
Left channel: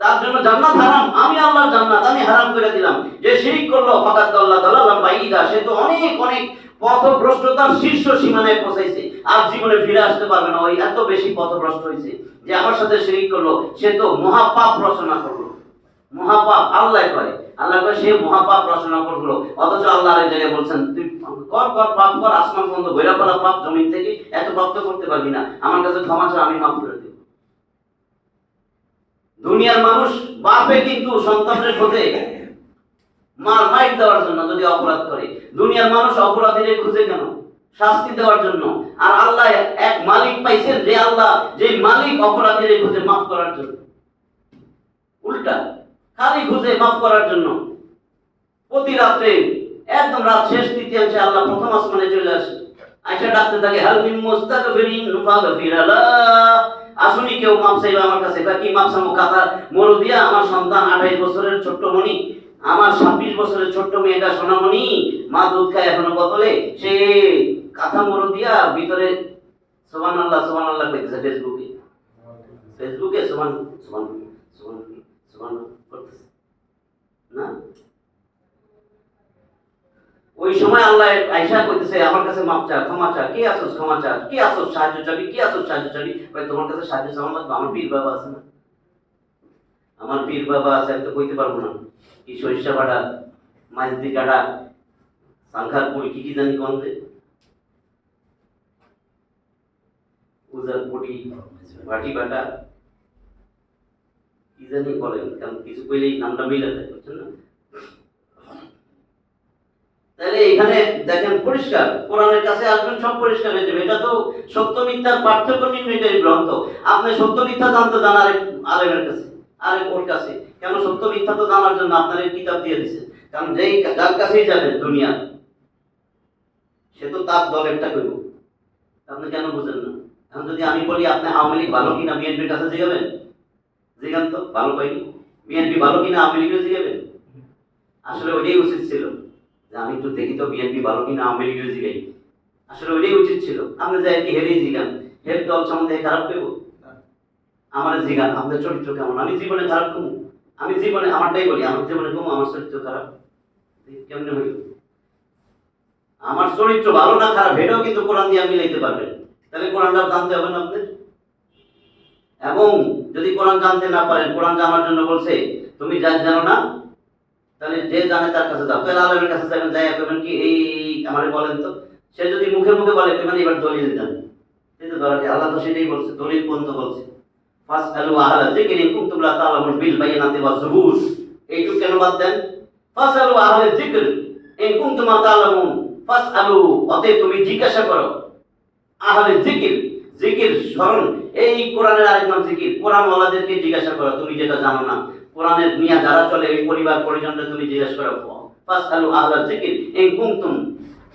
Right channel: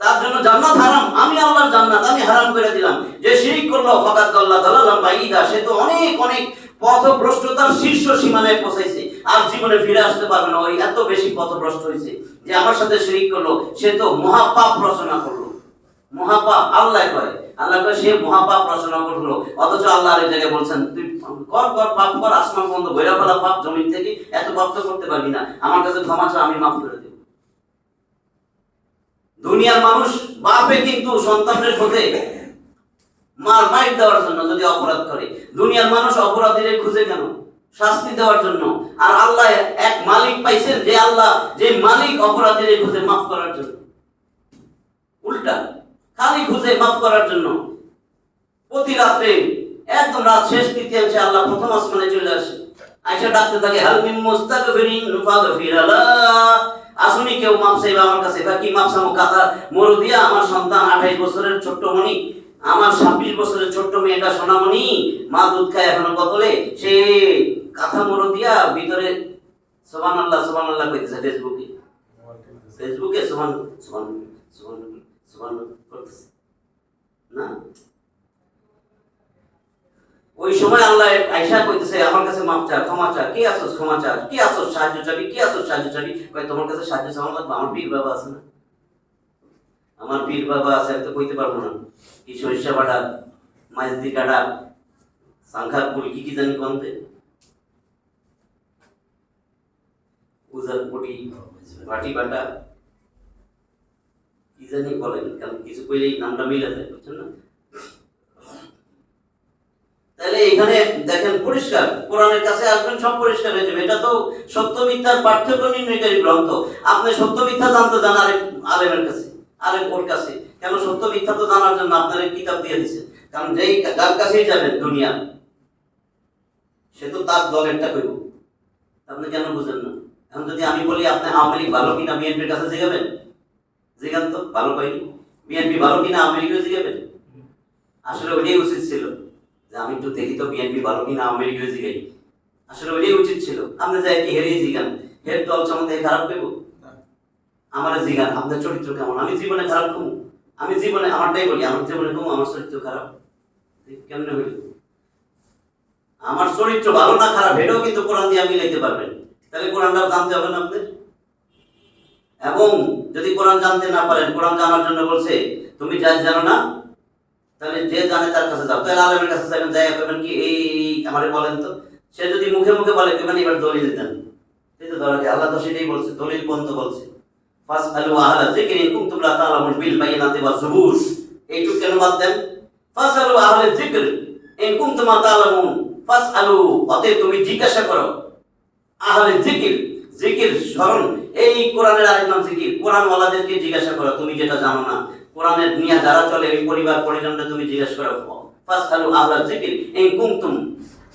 তার জন্য জান্নাত হারাম, আমি আল্লাহর জান্নাত আমি হারাম করে দিলাম। যে শিরক করলো ফাকাদ দাল্লা দালালাম বাঈদা, সে তো অনেক অনেক পথভ্রষ্টতার শীর্ষ সীমানায় পৌঁছাইছে, আর জীবনে ফিরে আসতে পারবে না। ওই এত বেশি পথভ্রষ্ট হয়েছে যে আমার সাথে শিরক করলো, সে তো মহাপাপ রচনা করলো। মহাপাপ আল্লাহ কয়, আল্লাহ কয় সে মহাপাপ রচনা করলো। অথচ আল্লাহ এই জায়গায় বলছেন তুই কর কর পাপ কর, আসমান বন্ধ বইরা ফেলা পাপ জমিন থেকে, এত পাপ তো করতে পারবি না, আমার কাছে ক্ষমা চা, আমি মাফ করে দেব। দুনিয়ার মানুষ বাপে কিন্তু সন্তানের খোঁজে মাইর দেওয়ার জন্য যদি অপরাধ করে। দুনিয়ার মানুষ অপরাধীদের খুঁজে কেন? শাস্তি দেওয়ার জন্য। আর আল্লাহ এক মালিক পাইছেন, যে আল্লাহ, যে মালিক অপরাধীদের খুঁজে মাফ করার জন্য। উল্টা খালি খুঁজে মাফ করার জন্য। প্রতি রাত্রে একদম রাত শেষ তৃতীয়াংশে আল্লাহ প্রথম আসমানে চলে আসে, আয়েশা ডাকতে থাকে হাল মিন মুস্তাগফিরিন ফাগফির লাহ, আসুনি কেউ মাপ চাইবে আমার কাছে। এবার কি মাপ চামো? কাতা মরু দিয়া আমার সন্তান 28 বছরের ছোট্ট মনি, আমার 26 বছরের ছোট্ট মেয়েটা সোনামণি, মা দুধ খায় এখনো বোতলে, সে কাঁথা মরু দিয়া ভিতরে সুবহানাল্লাহ সুবহানাল্লাহ কইতেছে ফেসবুকে সুবহান সুবহান সুবহান সুবহান করতেছে না। ওই সময় আল্লাহ আয়েশা কইতেছে আমার কাছে মাপ চা, ক্ষমা চা, কে আসোস ক্ষমা চা, কে আসোস সাহায্য চাবি, কে আসোস সাহায্য চাবি। কই তোমার কাছে সাহায্য চাওয়া লাগবে, আমার পীর বাবা আছে না, আমার পীর বাবা আছে, আমি তো কইতে পারবো না কি সরিষা বাটা, মাইজদি কাটা, সাংখার পুরি, কি কি জানি কমতে, উজার পুরি, ভাটি বাটা, কি জানি বলেন, কারণ কিছু কইলেই নামটা মিলে যায়, বুঝছেন না। তাহলে এখানে দেখেন পরিষ্কার, কোরআনের কাছে আসবেন সব পরিষ্কার হয়ে যাবে। এটা তো সত্য মিথ্যার পার্থক্য নির্ণয়কারী গ্রন্থ। আপনি সত্য মিথ্যা জানতে যান আরেক আলেমের কাছে, আরেক ওর কাছে। কেন? সত্য মিথ্যা তো জানার জন্য আপনার কিতাব দিয়ে দিছে। কারণ যেই যার কাছেই যাবেন দুনিয়া, সে তো তার দলেরটা করব। আপনি কেন বুঝেন না? এখন যদি আমি বলি আপনি আওয়ামী লীগ ভালো কিনা, বিএনপির কাছে জিগাবেন? জিগান তো, ভালো পাইনি। বিএনপি ভালো কিনা, আওয়ামী লীগও জিগাবেন? আসলে ওইটাই উচিত ছিল যে আমি একটু দেখি তো বিএনপি ভালো কিনা, আওয়ামী লীগও জিগাই। আসলে ওইটাই উচিত ছিল। আপনি যাই কি হেরেই জিগান, হের দল সম্বন্ধে খারাপ পেব? আমার জিগান আপনার চরিত্র কেমন, আমি জীবনে খারাপ কমু? আমি জীবনে আমারটাই বলি, আমার জীবনে কমু আমার চরিত্র খারাপ কেমনে হইল? আমার চরিত্র ভালো না খারাপ এটাও কিন্তু কোরআন দিয়ে মিলাইতে পারবেন। তাহলে কোরআনটাও জানতে হবে না আপনাদের। এবং যদি কোরআন জানতে না পারেন, কোরআন জানার জন্য বলছে তুমি যা জানো না, তাহলে যে জানে তার কাছে যাও। তাহলে আলেমের কাছে যাবেন, যাই করবেন কি এই আমারে বলেন তো। সে যদি মুখে মুখে বলে মানে এবার দলিল দেন, এই তো ধরা আল্লাহ তো সেটাই বলছে, দলিল পর্যন্ত বলছে। ফাসআলু আহলা যিকরি ইন কুনতুম লা তা'লামুন বিল বায়িনাতি ওয়াজ যুবুর। এইটুকু কেন বাদ দেন? ফাসআলু আহলা যিকরি ইন কুনতুম লা তা'লামুন, ফাসআলু, অতএব তুমি জিজ্ঞাসা করো। আহলে জিকির, জিকির স্মরণ, এই কোরআনের আরেক নাম জিকির। কোরআন ওয়ালাদেরকে জিজ্ঞাসা করো তুমি যেটা জানো না। কোরআনের নিয়ে যারা চলে ওই পরিবার পরিজনকে তুমি জিজ্ঞাসা করো। ফাসআলু আহলা যিকির ইন কুনতুম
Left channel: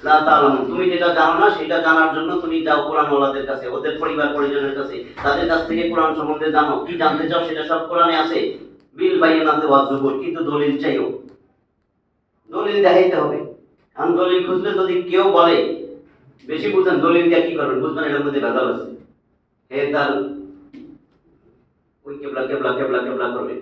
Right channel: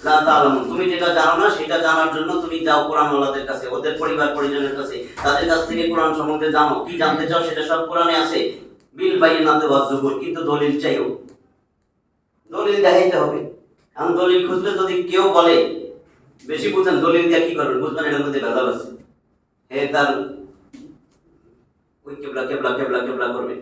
লা তা'লামুন, তুমি যেটা জানো না সেটা জানার জন্য তুমি যাও কোরআন ওয়ালাদের কাছে, ওদের পরিবার পরিজনের কাছে, তাদের কাছ থেকে কোরআন সম্বন্ধে জানো। কি জানতে চাও সেটা সব কোরআনে আছে। বিল বায়িনাতি ওয়াজ যুবুর, কিন্তু দলিল চাইও, দলিল দেখাইতে হবে। কারণ দলিল খুঁজলে যদি কেউ বলে বেশি বুঝেন, দলিল দিয়ে কি করবেন বুঝবেন এটার মধ্যে ভেজাল আছে। তার ওই কেবলা কেবলা কেবলা কেবলা করবে।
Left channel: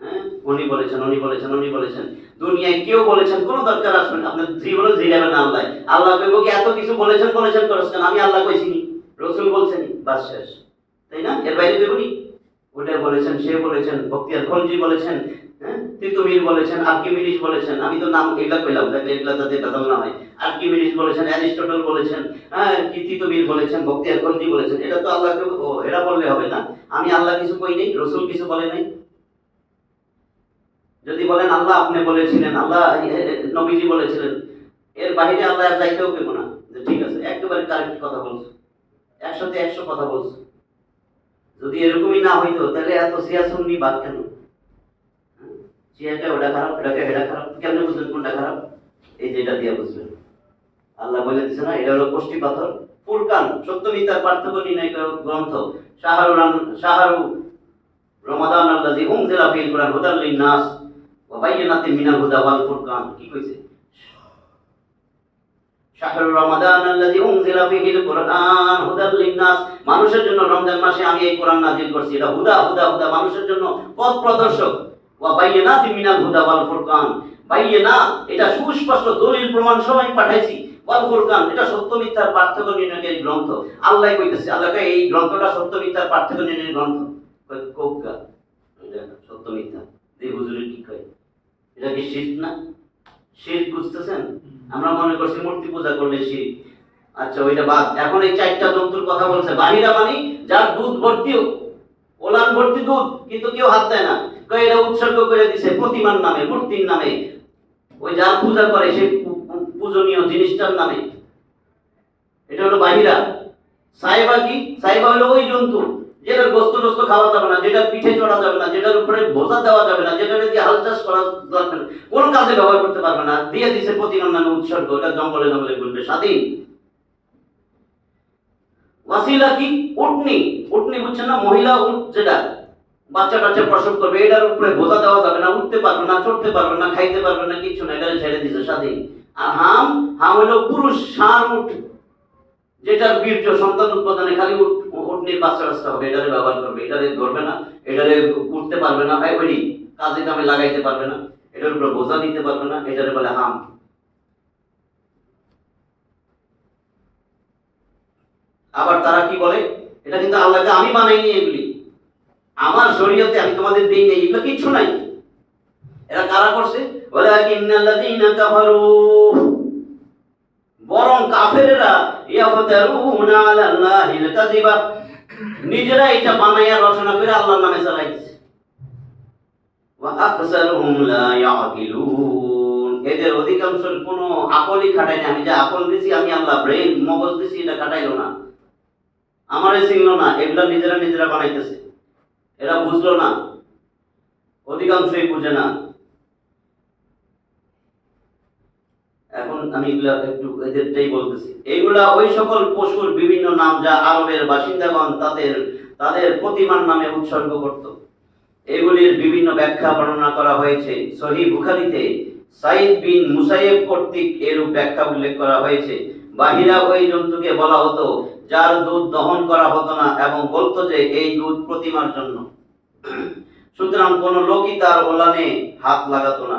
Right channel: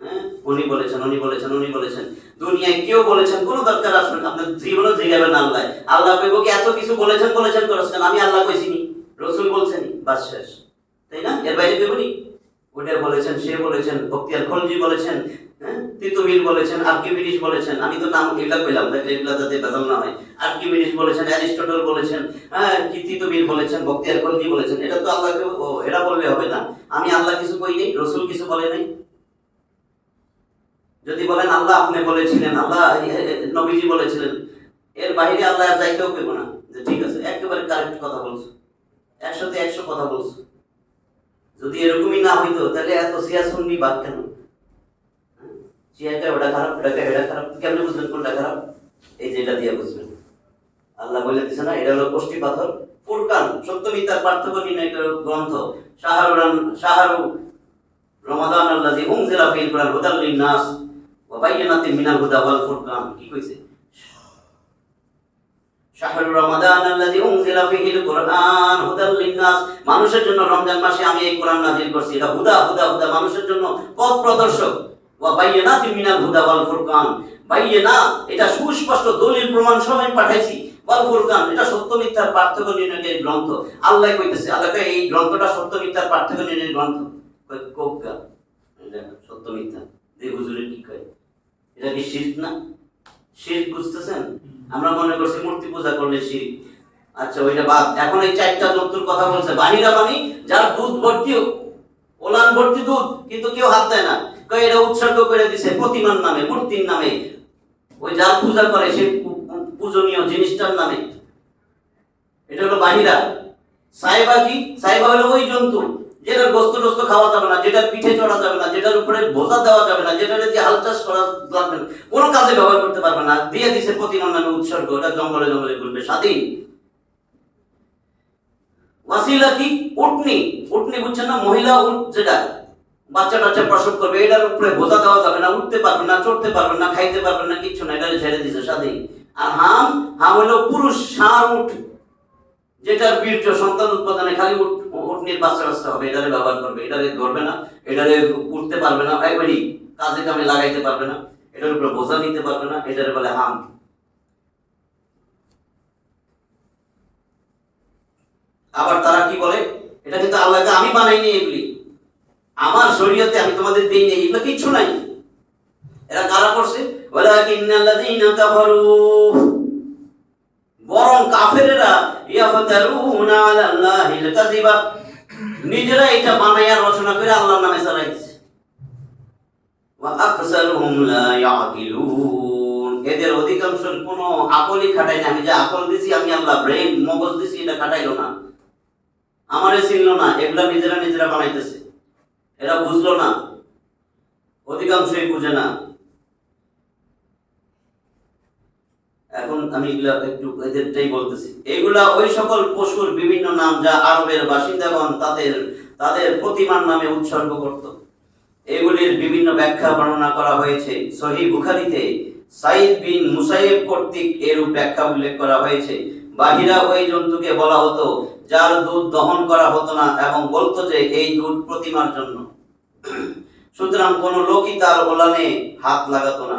হ্যাঁ, উনি বলেছেন, উনি বলেছেন, উনি বলেছেন, দুনিয়ায় কেউ বলেছেন, কোনো দরকার আসবেন আপনার জীবনে জিগাবেন আল্লাহ। আল্লাহ কইব কি এত কিছু বলেছেন বলেছেন করেছেন, আমি আল্লাহ কইছিনি, রসুল বলছেনি, বাস শেষ। তাই না? এর বাইরে কইবনি? ওটা বলেছেন, সে বলেছেন, বখতিয়ার খলজি বলেছেন, হ্যাঁ, তিতুমির বলেছেন, আর্কিমিডিস বলেছেন। আমি তো নাম এগুলা কইলাম যাতে এগুলা যাতে ভেজাল না হয়। আর্কিমিডিস বলেছেন, অ্যারিস্টটল বলেছেন, হ্যাঁ, কি তিতুমির বলেছেন, বখতিয়ার খলজি বলেছেন। এটা তো আল্লাহ এটা বললে হবে না। আমি আল্লাহ কিছু কই নাই, রসুল কিছু বলে নাই। যদি বলেন আল্লাহ আপনি বলেছিলেন, আল্লাহ নবীজি বলেছিলেন, এর বাইরে আল্লাহ আর যাইতেও পেব না যে ঠিক আছে একেবারে কারেক্ট কথা বলছো, 100-100 কথা বলছো। যদি এরকমই না হইতো তাহলে এত সিয়াসুন্নি বাদ কেন? চিয়াটা ওটা খারাপ, ওটাকে এটা খারাপ, কেমনে বুঝবেন কোনটা খারাপ? এই যেটা দিয়ে বুঝবেন। আল্লাহ বলে দিছে না, এটা হলো কোষ্টি পাথর, ফুরকান, সত্য মিথ্যার পার্থক্য নির্ণয় গ্রন্থ। শাহরু রমাদান আল্লাযী উনজিলা ফীহিল কুরআন হুদাল লিন-নাস ওয়া বায়িনাতিন মিনাল হুদা ওয়াল ফুরকান। কি কইছে? শাহরু রমাদান আল্লাযী উনজিলা ফীহিল কুরআন হুদাল লিন-নাস, মানুষের জন্য রমজান মাসে আমি এই কোরআন নাযিল করছি। এটা হুদা হুদা হুদা, মানুষের জন্য পথ প্রদর্শক। ওয়া বায়িনাতিন মিনাল হুদা ওয়াল ফুরকান, বায়িনাত এটা সুস্পষ্ট দলিল প্রমাণ সহ আমি পাঠাইছি। ওয়াল ফুরকান এটা সত্য মিথ্যার পার্থক্য নির্ণয়কারী গ্রন্থ। আল্লাহ কইতেছে, আল্লাহ কয় এই গ্রন্থটা সত্য মিথ্যার পার্থক্য নির্ণয়কারী গ্রন্থ। কোকা এটা সত্য মিথ্যা যে হুজুরে কি কয়, এটা কি শিরক না? শিরক বুঝতেছেন? আমরা মনে করছি মূর্তি পূজা করলে শিরক। আচ্ছা ওইটা বাদ। এখন এই 4টা জন্তুর কথা বলছে, বাহিরা মানে যার দুধ ভর্তি, ওলান ভর্তি দুধ, কিন্তু কেউ হাত দেয় না। কয় এটা উৎসর্গ করে দিছে প্রতিমার নামে, মূর্তির নামে, ওই যার পূজা করে সে পূজনীয় জিনিসটার নামে। এটা হলো বাহিরা। সাইবা কি? সাইবা হলো ওই জন্তু যেটার গোস্ত টোস্ত খাওয়া যাবে না, যেটার পিঠে চড়া যাবে না, যেটার উপরে বোঝা দেওয়া যাবে না, যেটার দিয়ে হাল চাষ করা যাবে না, কোনো কাজে ব্যবহার করতে পারবে না, দিয়ে দিছে প্রতিমার নামে উৎসর্গ। এটা জঙ্গলে জঙ্গলে ঘুরবে স্বাধীন। ওয়াসিলা কি? উটনি। উটনি বুঝছেন না? মহিলা উট, যেটা বাচ্চা টাচ্চা প্রসব করবে, এটার উপরে বোঝা দেওয়া যাবে না, উঠতে পারবে না, চড়তে পারবে না, খাইতে পারবে না, কিচ্ছু না, এটা ছেড়ে দিছে স্বাধীন। আর হাম, হাম হলো পুরুষ ষাঁড় উট, যেটার বীর্য সন্তান উৎপাদনে খালি উটনির বাচ্চা বাচ্চা হবে, এটারে ব্যবহার করবে, এটারে ধরবে না, এটারে উঠতে পারবে না, এবারই কাজে কামে লাগাইতে পারবে না, এটার উপরে বোঝা নিতে পারবে না, এটারে বলে হাম। আবার তারা কি বলে, এটা কিন্তু আল্লাহকে আমি বানাইনি, এগুলি আমার শরীয়তে আমি তোমাদের দেই নাই, এগুলো কিচ্ছু নাই। এরা কারা করছে? ওয়ালাকিন্নাল্লাযীনা কাফারু, বরং কাফেরেরা ইয়াফতারুনা আলাল্লাহিল কাযিবা, নিজেরা এটা বানায়া রচনা করে আল্লাহর নামে চালাই দিছে। ওয়া আকসারুহুম লা ইয়াকিলুন, এদের অধিকাংশের কোনো আকলই খাটায় না। আমি যে আকল দিছি, আমি আল্লাহ ব্রেন মগজ দিছি, এটা খাটাইলো না, আমারে চিনলো না, এগুলা নিজেরা নিজেরা বানাইতেছে। এরা বুঝলো না, অধিকাংশই বুঝে না। এখন আমি এগুলা একটু এদেরটাই বলতেছি। এগুলা ওই সকল পশুর বিভিন্ন নাম যা আরবের বাসিন্দাগণ তাদের প্রতিমার নামে উৎসর্গ করত। এগুলির বিভিন্ন ব্যাখ্যা বর্ণনা করা হয়েছে। সহিহ বুখারীতে সাইদ বিন মুসাইয়্যিব কর্তৃক এরূপ ব্যাখ্যা উল্লেখ করা হয়েছে। বাহিরা ওই জন্তুকে বলা হতো যার দুধ দহন করা হতো না, এবং বলতো যে এই দুধ প্রতিমার জন্য। সুতরাং কোন লোকই তার ওলানে হাত লাগাতো না।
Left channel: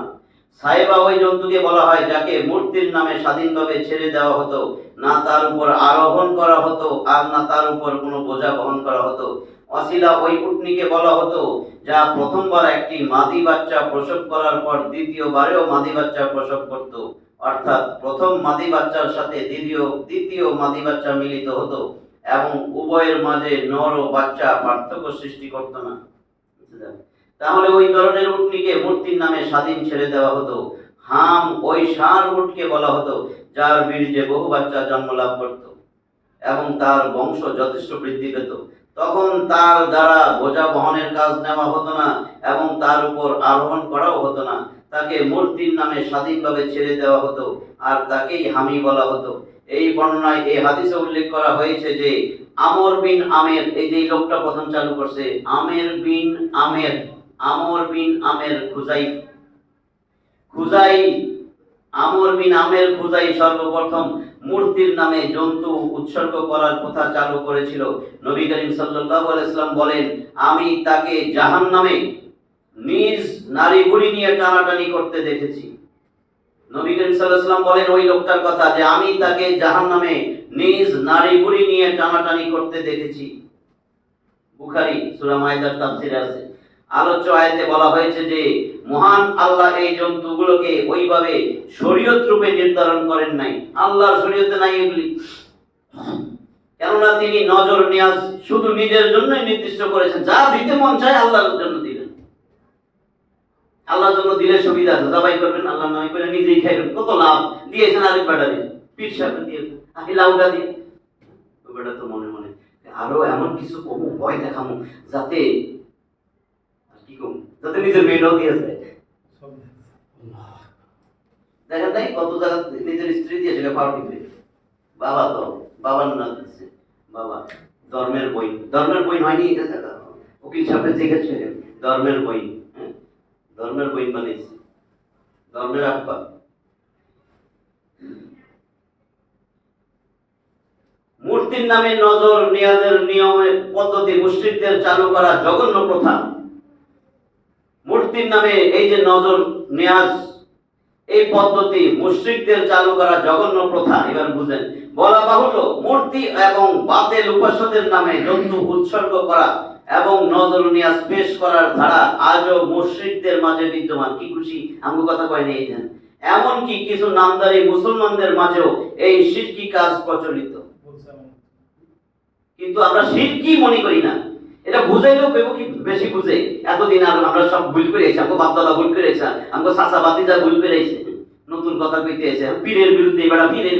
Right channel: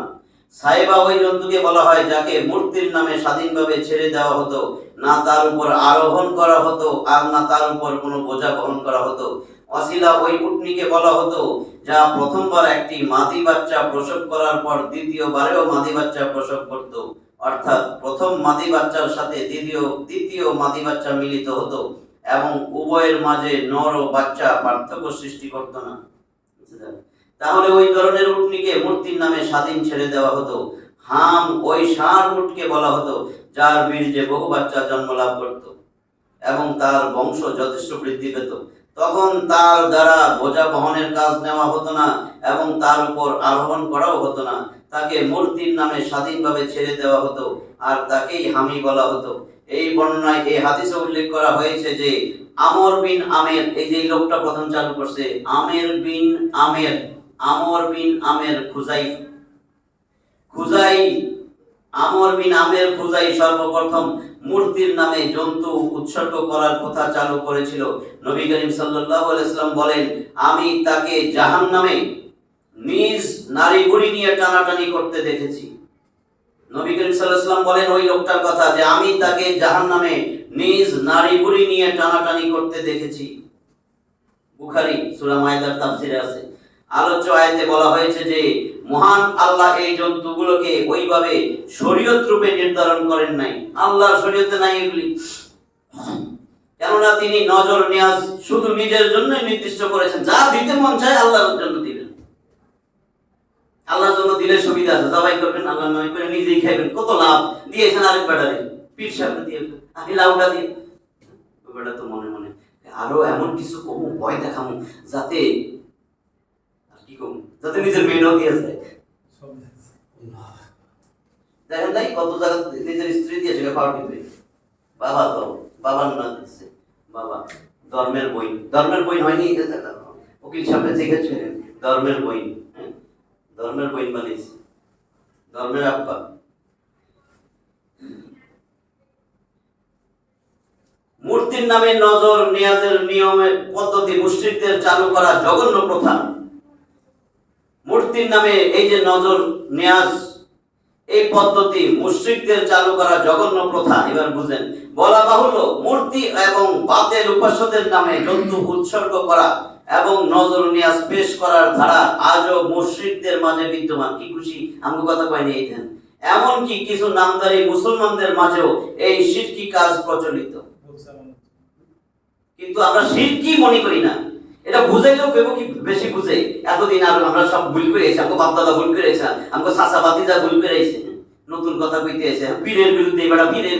সাইবা ওই জন্তুকে বলা হয় যাকে মূর্তির নামে স্বাধীনভাবে ছেড়ে দেওয়া হতো, না তার উপর আরোহণ করা হতো আর না তার উপর কোনো বোঝা বহন করা হতো। ওয়াসিলা ওই উটনিকে বলা হতো যা প্রথমবার একটি মাদি বাচ্চা প্রসব করার পর দ্বিতীয়বারেও মাদি বাচ্চা প্রসব করত, অর্থাৎ প্রথম মাদি বাচ্চার সাথে দ্বিতীয় মাদি বাচ্চা মিলিত হতো এবং উভয়ের মাঝে নর ও বাচ্চা পার্থক্য সৃষ্টি করত না। তাহলে ওই ধরনের উটনিকে মূর্তির নামে স্বাধীন ছেড়ে দেওয়া হতো। হাম ওই ষাঁড় উটকে বলা হতো যার বীর্যে বহু বাচ্চা জন্ম লাভ করত এবং তার বংশ যথেষ্ট বৃদ্ধি পেত। তখন তার দ্বারা বোঝা বহনের কাজ নেওয়া হতো না এবং তার উপর আরোহণ করাও হতো না। তাকে মূর্তির নামে স্বাধীনভাবে ছেড়ে দেওয়া হতো আর তাকেই হামি বলা হতো। এই বর্ণনায় এই হাদিসে উল্লেখ করা হয়েছে যে আমর বিন আমের, এই যে লোকটা প্রথম চালু করছে, আমর বিন আমের খুজাই সর্বপ্রথম মূর্তির নামে জন্তু উৎসর্গ করার কথা চালু করেছিল। নবী করিম সাল্লাল্লাহু আলাইহি ওয়াসাল্লাম বলেন, আমি তাকে জাহান্নামে নিজ নারী বুড়ি নিয়ে টানাটানি করতে দেখেছি। নবী করিম সাল্লাল্লাহু আলাইহি ওয়াসাল্লাম বলেন ওই লোকটার কথা যে আমি তাকে জাহান্নামে নিজ নারী বুড়ি নিয়ে টানাটানি করতে দেখেছি। বুখারী সূরা মায়েদার তাফসীরে আছে। আলোচ্য আয়াতে বলা হয়েছে যে মহান আল্লাহ এই জন্তুগুলোকে ওইভাবে শরীয়ত রূপে নির্ধারণ করেন নাই, আল্লাহর শরীয়তে নাই এগুলি। কেননা তিনি নজর নিয়াজ শুধু নিজের জন্যই নির্দিষ্ট করেছেন, যা দিতে মন চায় আল্লাহর জন্য দিবেন। আল্লাহর জন্য দিলে সুবিধা আছে, জবাই করবেন আল্লাহর নামে করে নিজেই খাইবেন, কত লাভ। দিয়েছেন আরেক ব্যাটারে, পীর সাহেব দিয়ে আমি লাউটা দিয়ে, ওই বেটা তো মনে মনে আরো এমন কিছু কমু, ভয় দেখামু যাতে নিজের মেয়েও দিয়ে যায়। দেখেন নাই কত জায়গা নিজের স্ত্রী দিয়ে সেটা পাও টিপে, বাবা তো বাবার না দিচ্ছে, বাবা ধর্মের বই হয়নি, উকিল সাহেব দেখেছিলেন ধর্মের বই বানিয়েছে, ধর্মের আব্বা। মূর্তির নামে নজর নিয়াজের নিয়মের পদ্ধতি মুশরিকদের চালু করা জঘন্য প্রথা। মূর্তির নামে এই যে নজর নিয়াজ, এই পদ্ধতি মুশরিকদের চালু করা জঘন্য প্রথা। এবার বুঝেন, বলা বাহুল্য মূর্তি এবং বাতেল উপাস্যদের নামে জন্তু উৎসর্গ করা এবং নজর নিয়াজ পেশ করার ধারা আজও মুশরিকদের মাঝে বিদ্যমান। কি খুশি আমগো কথা কয় নেই, এমনকি কিছু নামদারি মুসলমানদের মাঝেও এই শিরকি কাজ প্রচলিত। কিন্তু আমরা শিরকি মনে করি না, এটা বুঝাইলেও কেউ কি বেশি বুঝে। এতদিন আর আমরা সব ভুল করেছি, আমাকে বাপদাদা ভুল করেছে, আমাকে চাচা বাতিজা ভুল করেছে, নতুন কথা কইতে এসে পীরের বিরুদ্ধে, পীরের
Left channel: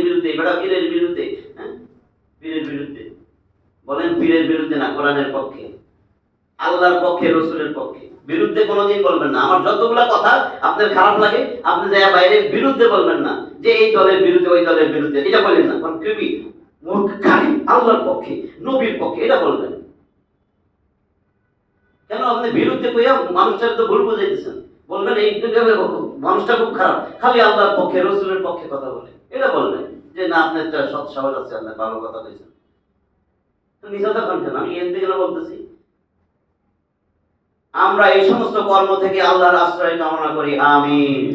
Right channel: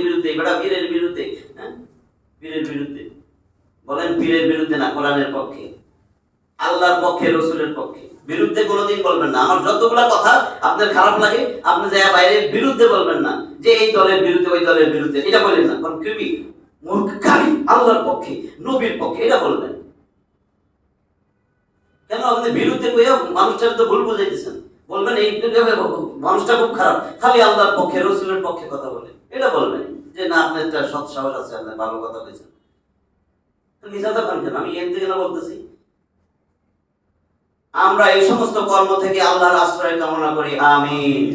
বিরুদ্ধে বলেন, পীরের বিরুদ্ধে না, কোরআনের পক্ষে, আল্লাহর পক্ষে, রসুলের পক্ষে। বিরুদ্ধে কোনোদিন বলবেন না। আমার যতগুলা কথা আপনার খারাপ লাগে, আপনি যায় বাইরে বিরুদ্ধে বলবেন না, যে এই দলের বিরুদ্ধে ওই দলের বিরুদ্ধে, এটা বলবেন না। কারণ কেবি আল্লাহর পক্ষে, নবীর পক্ষে, এটা বলবেন কেন? আপনি বিরুদ্ধে কইয়া মানুষটাকে তো ভুল বুঝাইতেছেন। বলবেন এই মানুষটা খুব খারাপ, খালি আল্লাহর পক্ষে, রসুলের পক্ষে কথা বলে, এটা বলবেন যে না, আপনার একটা সৎ সাহস আছে, আপনার ভালো কথা বলেছেন। নিজাতা খান কেন? আমি এমনি কেন বলতেছি? আমরা এই সমস্ত কর্ম থেকে আল্লাহর আশ্রয় কামনা করি, আমিন।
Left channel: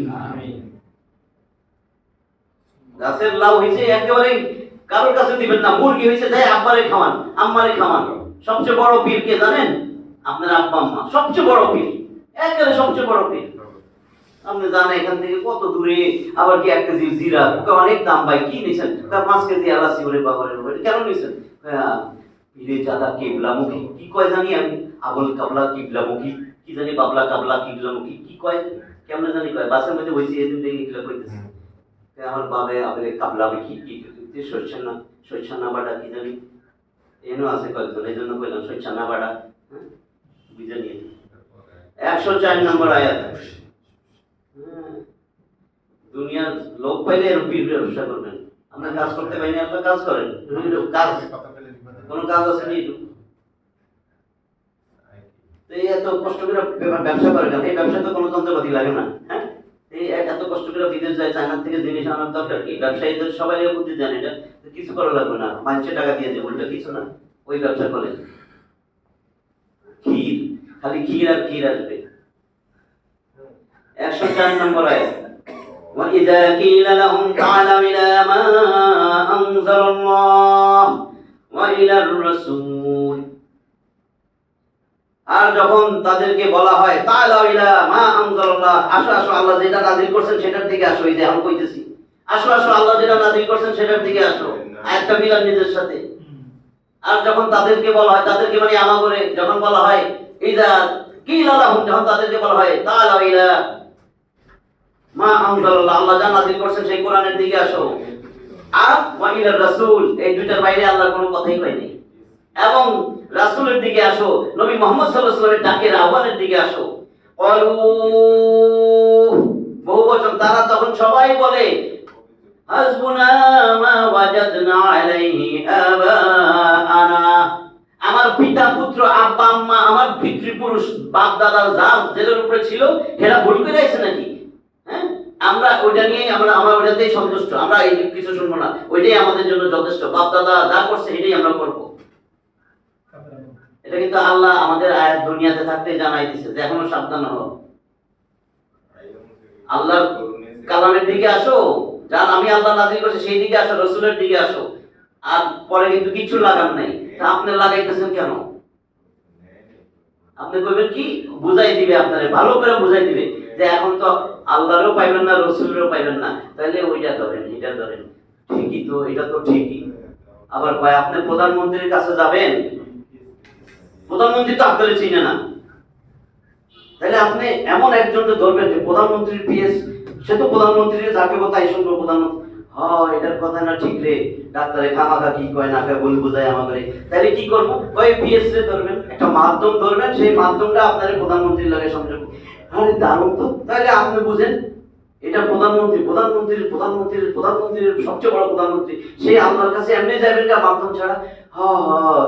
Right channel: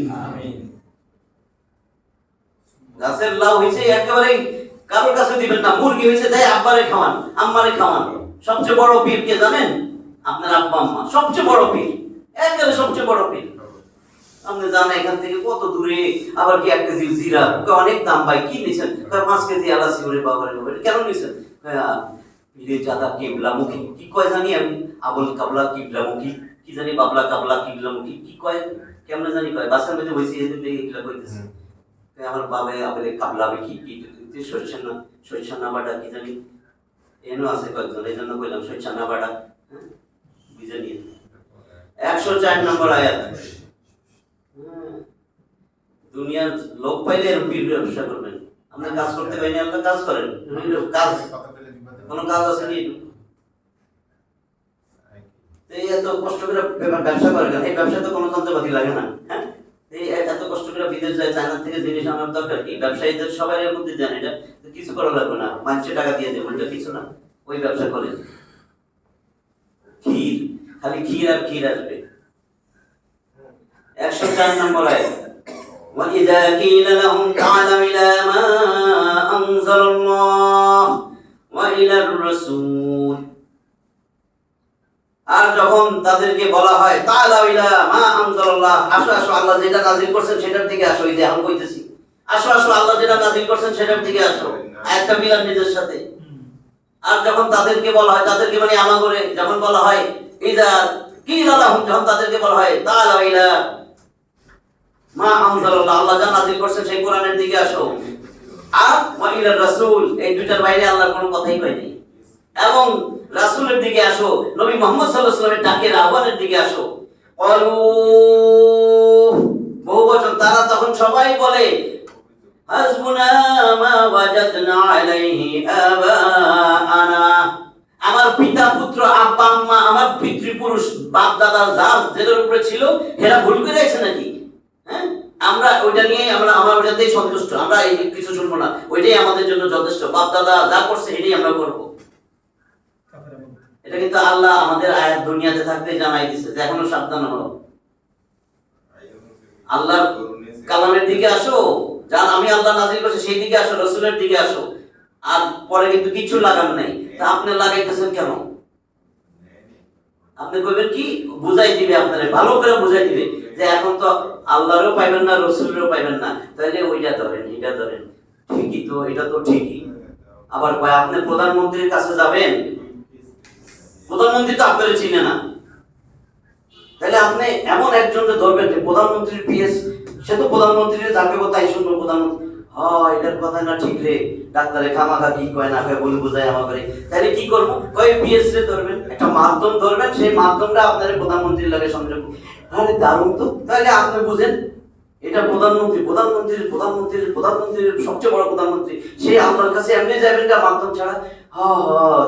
গাছের লাউ হয়েছে একেবারে কারোর কাছে দিবেন না। মুরগি হয়েছে তাই আব্বারে খাওয়ান, আম্মারে খাওয়ান। সবচেয়ে বড় পীর কে জানেন? আপনার আব্বা আম্মা সবচেয়ে বড় পীর, একেবারে সবচেয়ে বড় পীর। আপনি জানেন এখান থেকে কত দূরে, আবার কি 1 কেজি জিরা অনেক দাম ভাই, কি নিছেন? 5 কেজি এলাচি, ওরে বাবারে বাবা, কেন নিছেন? পীরে জাদা কিবলামুখী, কি কয় জানি আমি, আবুল কাবলা কিবলামুখী, কি জানি বাবলা কাবলা কিবলামুখী, কি কয় কেমনে জানি কয়, বাসার মধ্যে হইছে এদিন থেকে এগুলা কইতেছে। আমার বাবে আবলে কাবলা কি কি শৈশানা বাটা কি জানি এনো আছে কয়েকজন, এই জন্য কইলাম শৈশানা বাটা। হ্যাঁ, বুঝে নিয়ে 104 নম্বর আয়াত। দুনিয়ার লোক পাইলে এরকম পীর ব্যবসা করবেন। আপনার কাজ করতে পাইনি, আপনার কাজ করেন, কাজ কোনো কাজ আছে নি? এই এত কষ্ট করে ব্যবসা করে কেন? এই ব্যবসা তো কোনো যন্ত্রপাতি লাগে না। হ্যাঁ, এই এত কষ্ট করে বিদেশ যায়, চায়না থেকে জিনিস আনার দরকার কি? ব্যবসায়ীদের সবাই এর বুদ্ধি জানে, এটা কিছু করা লাগবে না, মানুষের টাকা দিয়ে দেবো, এটা কিছু না। ওই ব্যবসা করেন ক্ষীর, খালি ক্ষীর আর ক্ষীর আসবে। 104 নম্বর আয়াত। وَإِذَا قِيلَ لَهُمْ تَعَالَوْا إِلَى مَا أَنزَلَ اللَّهُ وَإِلَى الرَّسُولِ, আর যখন তাদেরকে বলা হয় তাআলাউ ইলা মা আনজালাল্লাহ, আসো আসো আল্লাহ যেটা নাযিল করেছেন সেটার দিকে আসো, এই যে আমি কইতেছি আসো আসো আল্লাহ যেটা নাযিল করেছেন সেটার দিকে আসো, আয়াতটা মিলান নিজের সাথে। আর যখন তাদেরকে বলা হয়, তাদেরকে মানে আমাগরে যখন বলা হয় ইযা কিলা লাহুম, যখন তাদেরকে বলা হয় তাআলাউ ইলা মা আনজালাল্লাহ, আল্লাহ যা নাযিল করেছেন সেই কোরআনের দিকে আসো, আর ওয়া ইলা রাসূল, এই দুইটার বাইরে আল্লাহর কোনো কথাই পাইনি। এবং রাসূলের দিকে আসো, নবী মুহাম্মদ সাল্লাল্লাহু আলাইহি ওয়াসাল্লামের ডাকের আহ্বানের দিকে আসো। ক্বালু, বহুবচন, তারা তখন সবাই বলে হাসবুনা মা ওয়াজাদনা আলাইহি আবাআনা, আমার পিতা পুত্র আব্বা আম্মা, আমার পিতৃপুরুষ বাপ দাদা যার যেটার উপরে ছিল এরা ভুল করে আছে নাকি? হ্যাঁ, আমরা ওইটা নিয়ে আমরা ওইটাতেই সন্তুষ্ট, আমরা এই কিছু শুনবো না, ওইটাই আমাদের জন্য যথেষ্ট, বাপ দাদা যা করছে এটাই আমরা করব। এটা কিন্তু আল্লাহ আমাদের আয়াত দুনিয়াতে থাকতে জানাই দিছে যে এখনো সাবধান হও, আল্লাহর কালামের দিকে আসো, যান আমি আল্লাহ নাযিল করেছি সেই দিকে আসো, রাসূলের দিকে আসো। আর পরে কিন্তু কিছু লাগান নাই, তা আপনি লাগাইতেছেন কেন? আপনি কইবেন কি বুঝাই দিবে, আপনারে ভালো করে বুঝাই দিবে যে এখন তো আল্লাহরও পাইবেন না, রাসূলেরও পাইবেন না, তাহলে ওইটা ধরেন, এটা ধরেন। ঠিকই তো, এটা তো ঠিকই। আবার কয় আপনি প্রধানমন্ত্রীর কাছে যাবেন, প্রধানমন্ত্রী তো আপনারে চিনে না, তাহলে আপনি এমন একজনকে ধরবেন যে প্রধানমন্ত্রীর পিএস, সে তো প্রধানমন্ত্রীর যাকে কথাই শুনবো, প্রধানমন্ত্রী এটার কথা না ঠিক রে, ডাক্তারে খামাখা কি কয় না কয় বই বুঝায় আমাকে, তাহলে কি করবো? কয় পিএস রে ধরবেন, একটা মাধ্যম ধরবেন, সেই মাধ্যমটা আপনার প্রধানমন্ত্রীর লাগে সংযোগ। আরে দারুণ তো, তাহলে আপনি বুঝেন এটা প্রধানমন্ত্রী, প্রধানমন্ত্রীর সবচেয়ে বড় প্রধানমন্ত্রী, সে আল্লাহর কাছে এমনি যাবেন না মাধ্যম ছাড়া।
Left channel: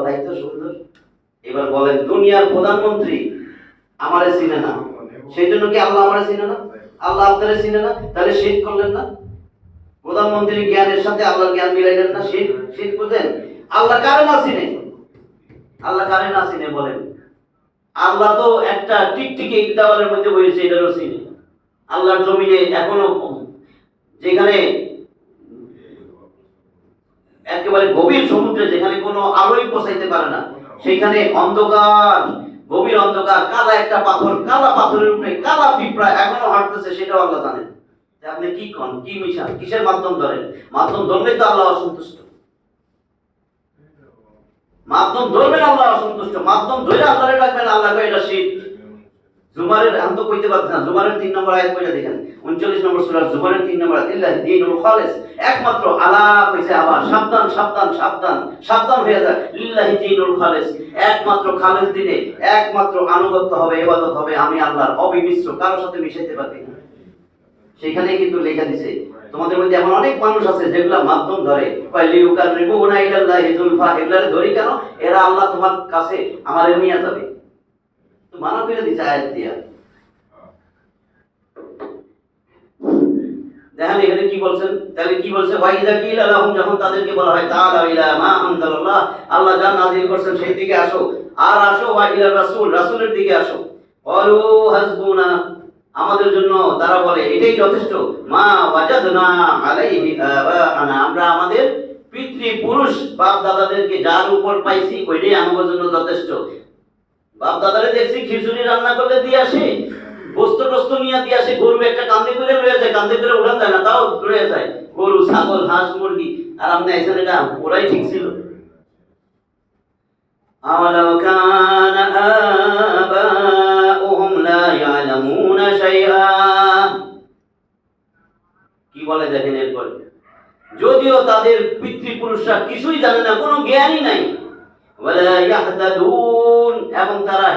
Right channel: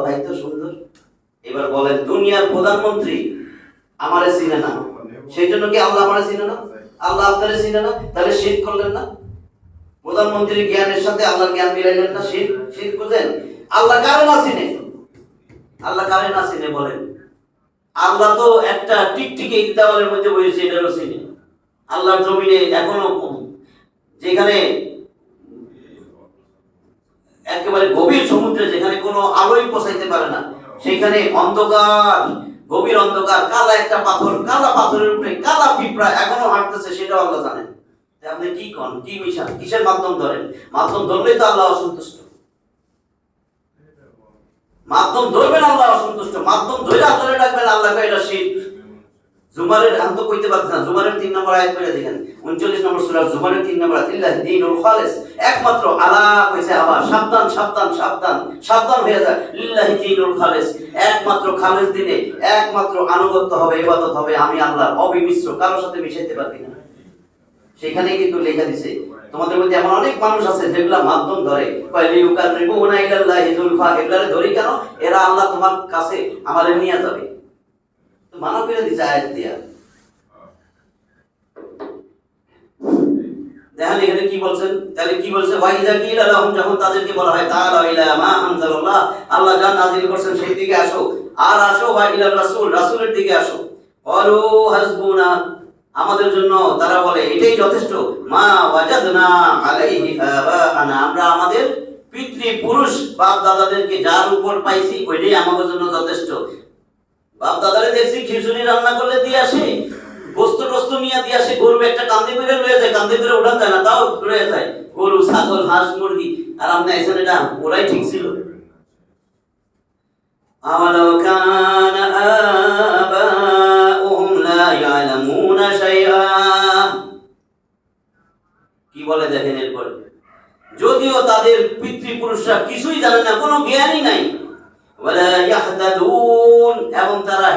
তাই তো সুন্দর। এবার বলেন দুনিয়ার প্রধানমন্ত্রী আমারে চিনে না, সেই জন্য কি আল্লাহ আমারে চিনে না? আল্লাহ আপনারে চিনে না, তাহলে শিরক করলেন না? প্রধানমন্ত্রীর জ্ঞানের সাথে আল্লাহর জ্ঞান মিলাইলেন না, শিরক বুঝেন? আল্লাহ কারে না চিনে? আল্লাহ কারে না চিনে বলেন? আল্লাহ তো একটা টিকটিকি দেওয়ালের মধ্যে বসেছে, এটারও চিনে। আল্লাহর জমিনে এখনো যেখানে একেবারে গভীর সমুদ্রে, যেখানে কোনো আলোই পৌঁছাইতে পারে না, সেখানে অন্ধকার, গভীর অন্ধকার, কালা একটা পাথর, কালা পাথরের উপরে কালা পিঁপড়া এখনো হাঁটতেছে, সেটাও আল্লাহ জানেন। আপনি কি কন, কি মিশান, কিসের মাধ্যম ধরেন? মাধ্যম ধরলেই তো আল্লাহ অসন্তুষ্ট। মাধ্যম ধরবেন আল্লাহ অসন্তুষ্ট, মাধ্যম ধরে আল্লাহরে ডাকবেন, আল্লাহ কয় এটা শিরক। জুমারের আমি তো কইতে পারছি না, জুমারের 3 নম্বর আয়াত পড়ে দেখেন, 39 নম্বর সূরা জুমারের 3 নম্বর আয়াত, ইল্লাহি দীনুল খালিস, একমাত্র আল্লাহ কইছে, আবার সাবধান সাবধান সাবধান সাবধান হয়ে যায়, লিল্লাহি দীনুল খালিস, একমাত্র খালিস দিনে একমাত্র আনুগত্য হবে, ইবাদত হবে আমি আল্লাহর, অবিমিশ্র, কারোর সাথে মিশাইতে পারবি না। সেখানে কিন্তু লেখা দিছে, তোমাদের মধ্যে এমন অনেক মানুষ আছে যেগুলা মাধ্যম ধরে, কয় লিউকাররিবুনা ইলাল্লাহি যুলফা, এগুলারে ধরি কেন? এরা আল্লাহ তোমার কাছে আমারে নিয়ে যাবে, তো মানা করে দিছে আয়াত দিয়া। দেখেন এখানে কি বলছেন, তাহলে কি বলছে? ওয়াইদা কিলা লাহুম, যখন তাদেরকে বলা হয় তাআলা ইলা মা আনজালাল্লাহ, আল্লাহ যা নাযিল করেছেন সেই দিকে আসো, আর আসো ওয়া ইলা রাসূল, রাসূলের দিকে আসো। ক্বালু হাসবুনা, আমাদের জন্য তারা বলে এটাই যথেষ্ট, মা ওয়াজাদনা আলাইহি আবাআনা, আমরা আমাদের পিতৃপুরুষ বাপ দাদাদেরকে যার উপর পাইছি ওইটাই আমাদের জন্য যথেষ্ট। বাপ দাদারে দেখছি খিচুড়ি রান্না করলে দিয়ে আসে, গোস্ত টোস্ত নিয়ে দিয়ে আসে, গরু একটা কান্দি পেরে রয়ে যায়, কান্দি পেরে উঠান যায় না, তাও রয়ে যায়, গরু ছাগল হাঁস মুরগি। আর আপনি আইসেন এটা ওরাই ঠিক ছিল। আওয়ালাউ কানা আবাউহুম লা ইয়ালামুনা শাইআ, কি বলে দেখেন এরপর, যদিও তাদের পিতৃপুরুষরা কিছুই জানে না, কোনো জ্ঞানই নাই, ওয়ালা ইয়াহতাদুন, এবং তারা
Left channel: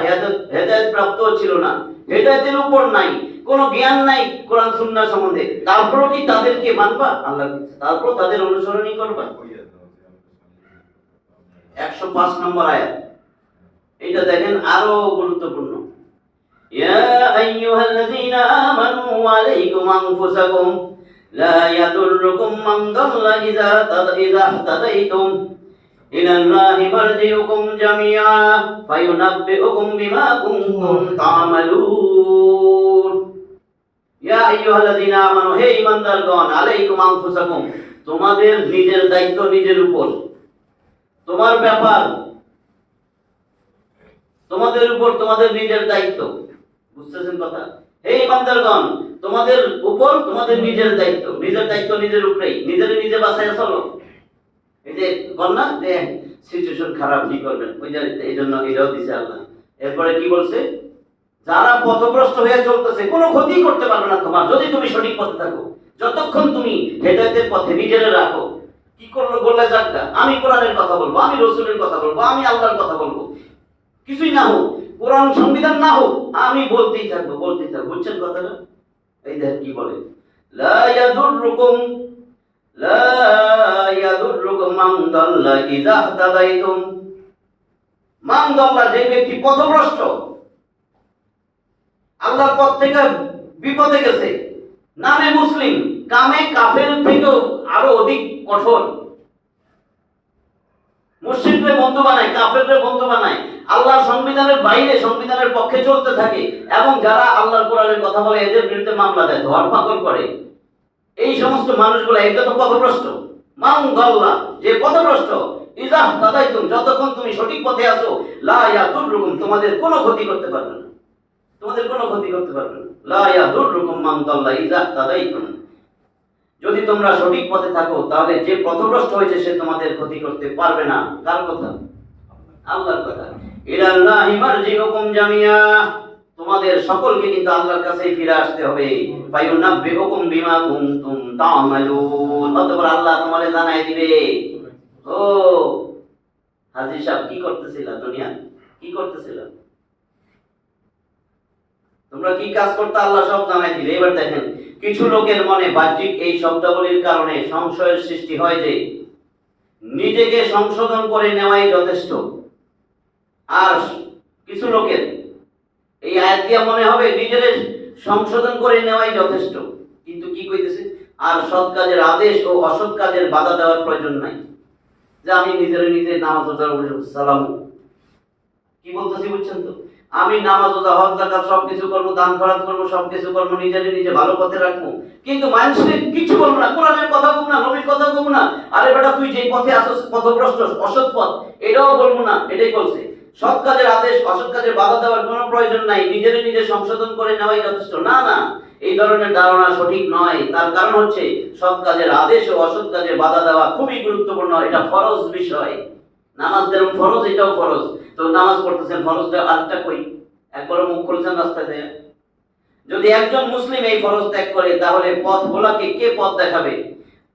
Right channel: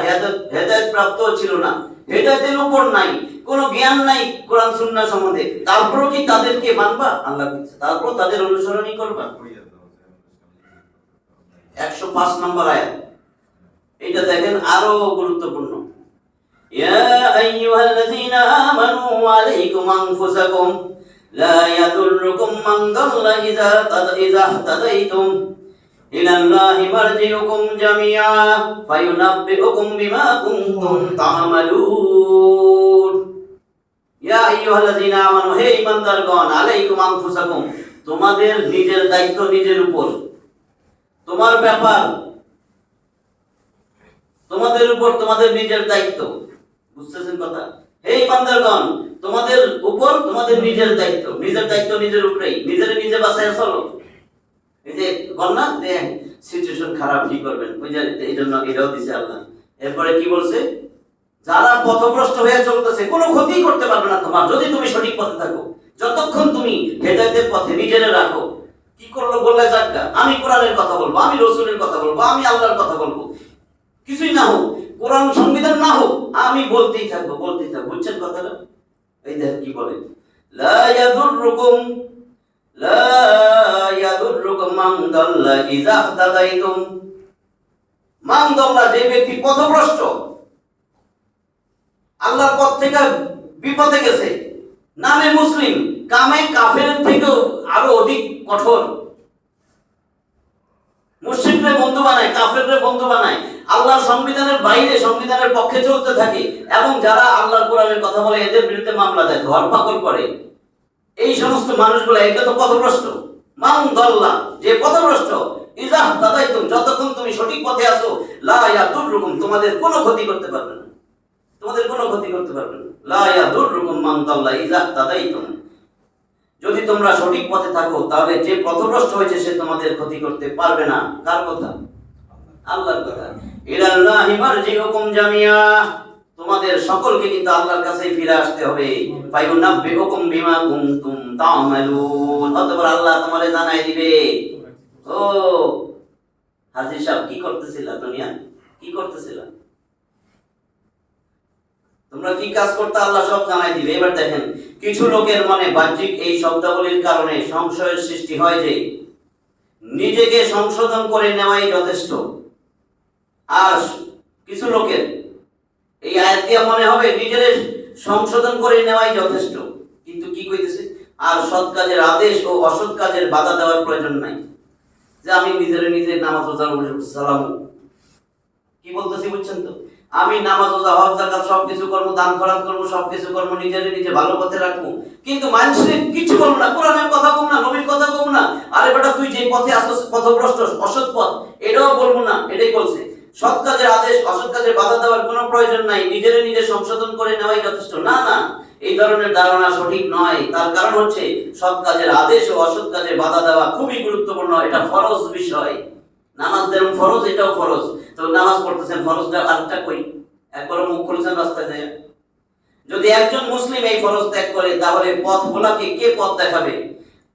হেদায়েত প্রাপ্ত ছিল না, হেদায়েতের উপর নাই, কোনো জ্ঞান নাই কোরআন সুন্নাহ সম্বন্ধে, তারপরও কি তাদেরকে মানবা? আল্লাহ বলছে তারপর তাদের অনুসরণই করবা। 105 নম্বর আয়াত, এটা দেখেন আরো গুরুত্বপূর্ণ। ইয়া আইয়ুহাল্লাযীনা আমানু আলাইকুম আনফুসাকুম লা ইয়াদুররুকুম মান দাল্লা ইযা তাদাইতুম ইলাল্লাহি মারজিউকুম জামিআ ফায়ুনাব্বিউকুম বিমা কুনতুম তা'মালুন। ইয়া আইয়ুহাল্লাযীনা আমানু, হে ঈমানদারগণ, আলাইকুম আনফুসাকুম, তোমাদের নিজের দায়িত্ব নিজের উপর, তোমার ব্যাপার, তোমাদের উপর তোমাদের নিজের দায়িত্ব। বুঝতেছেন কথা? হে ঈমানদারগণ, তোমাদের উপর তোমাদের নিজের দায়িত্ব, নিজের দায়িত্ব নিজের উপরেই, নিজেরে নিজে বাঁচাইয়া চলো। এই যে কন্যা যে সিচুয়েশন খারাপ, কি করবেন, ওই যে এই জন্য এটাও দিছে আল্লাহ। এরপরে কি বলছে? যারা পথভ্রষ্ট হয়ে চলতেছে কোনো ক্ষতি করতে পারবে না তোমার, যদি তুমি সঠিক পথে থাকো, যতক্ষণ তুমি হেদায়েতের পথে নিজেরে রাখো। কি করলো বললে যাক্কা, আমি কোরআনের কথা বলবো, আমি রাসূলের কথা বলবো, আমি আল্লাহর কথা বলবো, কিছুই না হোক, কোরআন সংবিধান না হোক, আমি বলতেই থাকবো, বলতেই থাকবো। বুঝছেন কথাটা? এই দেখ কি বলে, লা ইয়াদুররুকুম মান দাল্লা ইযা তাদাইতুম, মান দাল্লা, যে ব্যক্তি পথভ্রষ্ট, আল্লাহর পথ থেকে বিপদে গেছে, নামে মুসলিম, কামে কাফের থেকেও আরো অধিক কঠোর, মুশরিকরে বন্ধু বানায়, কাফেররে বন্ধু বানায়, আল্লাহর সংবিধানের বাইরে সংবিধানের পক্ষে চলতে থাকে, এবং যারা আল্লাহর কোরআনের কথা বলে এদের বিরুদ্ধে মামলা দেয়, ধরপাকড় করে, এই সমস্ত মানুষগুলো এটা তো পথভ্রষ্ট। মান দাল্লা, যে পথভ্রষ্ট, ইযা তাদাইতুম, যতক্ষণ তুমি সঠিক পথে আছো, লা ইয়াদুররুকুম, তোমাদের কোনো ক্ষতি করতে পারবে না, তোমাদের কোনো ক্ষতি করতে পারবে না। লা ইয়াদুররুকুম মান দাল্লা ইযা তাদাইতুম, যদি তোমরা সঠিক পথে থাকো, তাহলে যে পথভ্রষ্ট হয়েছে সে তোমাদের ক্ষতি করতে পারবে না। কার কথা? আল্লাহর কথা। ইলাল্লাহি মারজিউকুম জামিআ, তোমাদের সকলকে কিন্তু আল্লাহর কাছেই ফিরে আসতে হবে। ফায়ুনাব্বিউকুম বিমা কুনতুম তা'মালুন, অতঃপর আল্লাহ তোমাদের জানাই দিবে। ও হাজী সাহেব, কি করতেছিলা দুনিয়া, কি করতেছিলা, তোমরা কি কাজ করতে, আল্লাহ সব জানাই দিবে। এবার দেখেন, কিছু লোকের মনে বাহ্যিক এই শব্দাবলীর কারণে সংশয়ের সৃষ্টি হয় যে নিজেকে সংশোধন করে নেওয়াই যথেষ্ট, আর কিছু লোকের এই আয়াত দিয়ে মনে হবে নিজের সংশোধন করে নেওয়াই যথেষ্ট। কিন্তু কি কইতেছে, আর সৎ কাজের আদেশ ও অসৎ কাজের বাধা দেওয়ার প্রয়োজন নাই, যে আমি নিজে নামাজ রোজা সালাম, কি বলতেছি বুঝছেন তো? আমি নামাজ রোজা হজ যাকাত সবকিছু করব, দান খয়রাত করব, সবকিছু করব, নিজে ভালো পথে রাখবো, কিন্তু মানুষের কিছু করব না, কোরআনের কথা কম না, নবীর কথা কম না, আরে বেটা তুই যে পথে আসছ পথভ্রষ্ট অসৎ পথ, এটাও বলবো না। এটাই বলছে, সৎ কাজের আদেশ অসৎ কাজের বাধা দেওয়ার কোনো প্রয়োজন নাই, নিজে সংশোধন করে নেওয়াই যথেষ্ট। না না, এই ধরনের ধারণা সঠিক নয়। তার কারণ হচ্ছে সৎ কাজের আদেশ ও অসৎ কাজে বাধা দেওয়া খুবই গুরুত্বপূর্ণ, এটা ফরজ বিষয়। নামাজ যেমন ফরজ, এটাও ফরজ। তো নামাজ পড়তেছেন, ফরজটা আরেকটা কই, একবার মুখ খুলেছেন রাস্তায় যায়, যদি একজন মুসলিম এই ফরজ ত্যাগ করে, তাহলে পথ ভোলাকে কে পথ দেখাবে?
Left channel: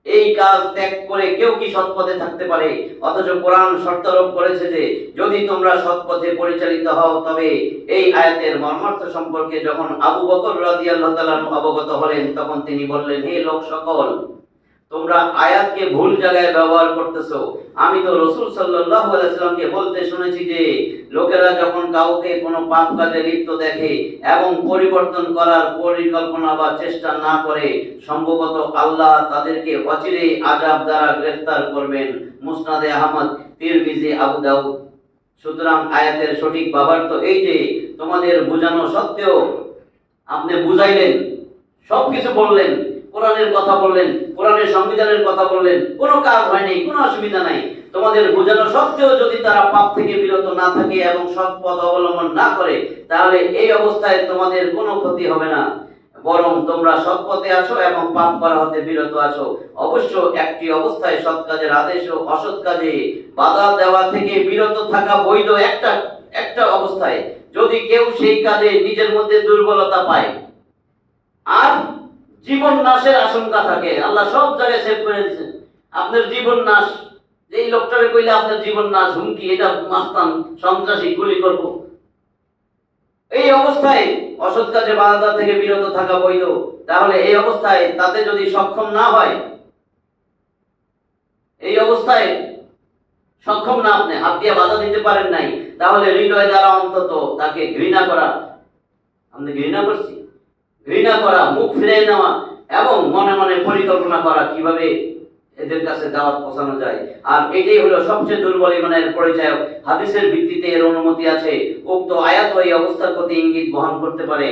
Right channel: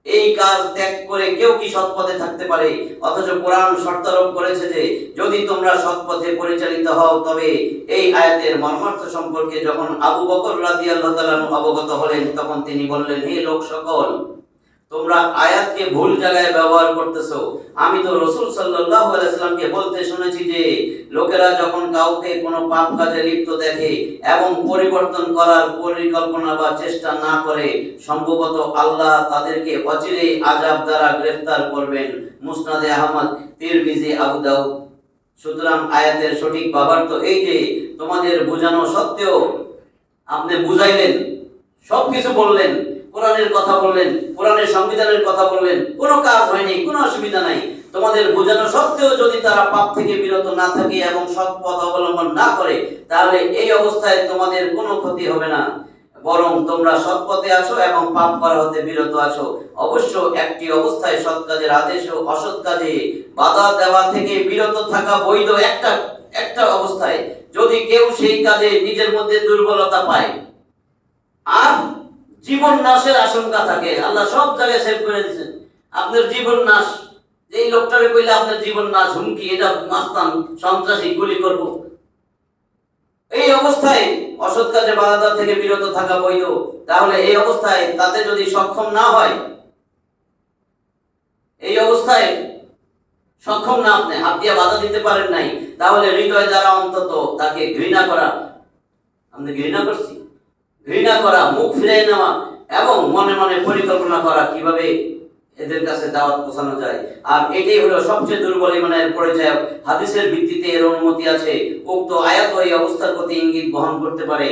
এই কাজ ত্যাগ করে কেউ কি সৎ পথে থাকতে পারে? অথচ কোরআন শর্তারোপ করেছে যে যদি তোমরা সৎ পথে পরিচালিত হও, তবে এই আয়াতের মর্মার্থ সম্পর্কে যখন আবু বকর রাদিয়াল্লাহু তাআলা অবগত হলেন, তখন তিনি বললেন, হে লোক সকল, তোমরা আয়াতকে ভুল জায়গায় ব্যবহার করতেছো। আমি তো রাসূল সাল্লাল্লাহু আলাইহি ওয়াসাল্লামকে বলতে শুনেছি যে লোকেরা যখন কাউকে কোনো পাপ কাজে লিপ্ত দেখে এবং পরিবর্তন করার পরিকল্পনা বা চেষ্টা না করে, সম্ভবত আল্লাহ তাদেরকে অচিরেই আযাব দ্বারা গ্রেফতার করবেন। মুসনাদে আহমদ, তিরমিজি, আবু দাউদ। সুতরাং আয়াতের সঠিক ভাবার্থ এই যে তোমাদের বোঝানো সত্ত্বেও আপনি বুঝাইলেন, সবকিছু বললেন, কোরআনের কথা বললেন, কোরআনের সংবিধানের কথা বললেন, কোনো কাজ হয়নি, কোনো অসুবিধা নাই। তোমাদের বোঝানো সত্ত্বেও যদি তারা পাপ থেকে বিরত না থাকে এবং সৎ পথ অবলম্বন না করে, তাহলে এই অবস্থায় তোমাদের কোনো ক্ষতি হবে না, বরং তোমরা সৎ পথে আছো এবং পাপ করা হতে বিরত আছো। অবশ্য একটি অবস্থায় সৎ কাজের আদেশ ও অসৎ কাজে বাধা দেওয়া থেকে বিরত থাকা বৈধ, একটা অবস্থায়, যদি কেউ সেই কাজে নিজের মধ্যে দুর্বলতা পায় আর জীবন নাশের আশঙ্কা থাকে। আল্লাহ সব জায়গায় সেভ করে দিয়েছেন। আপনার জীবন নাশ, এই লোকটারে কইলে আপনার জীবন নাশ, হুমকি, এটা মাস্তান, সন্ত্রাসী, গুলি করব, এই অবস্থায় অসৎ কাজে বাধা থেকে বিরত থাকা বৈধ। তাহলে এই অবস্থায় তাতে যদি সক্ষম না হয়, এই অবস্থায় সক্ষম না, আপনি হাত দিয়ে বাধা দিতে পারেন নাই, তাহলে হৃদয় দ্বারা অন্তত তাকে ঘৃণা করা, আপনি ঘৃণা করছি, ঘৃণা করা, মুখ ফিরিয়ে নেওয়া এবং মনে মনে পরিকল্পনা করা কিভাবে এদের কাছে দাওয়াত পৌঁছানো যায়। আর এটাই হলো সবচেয়ে দুর্বল ইমানের পরিচয়। হাদিসের ভিত্তিতে এর অনুমতি আছে। উক্ত আয়াত এই অবস্থার প্রতি ইঙ্গিত বহন করতে পারে।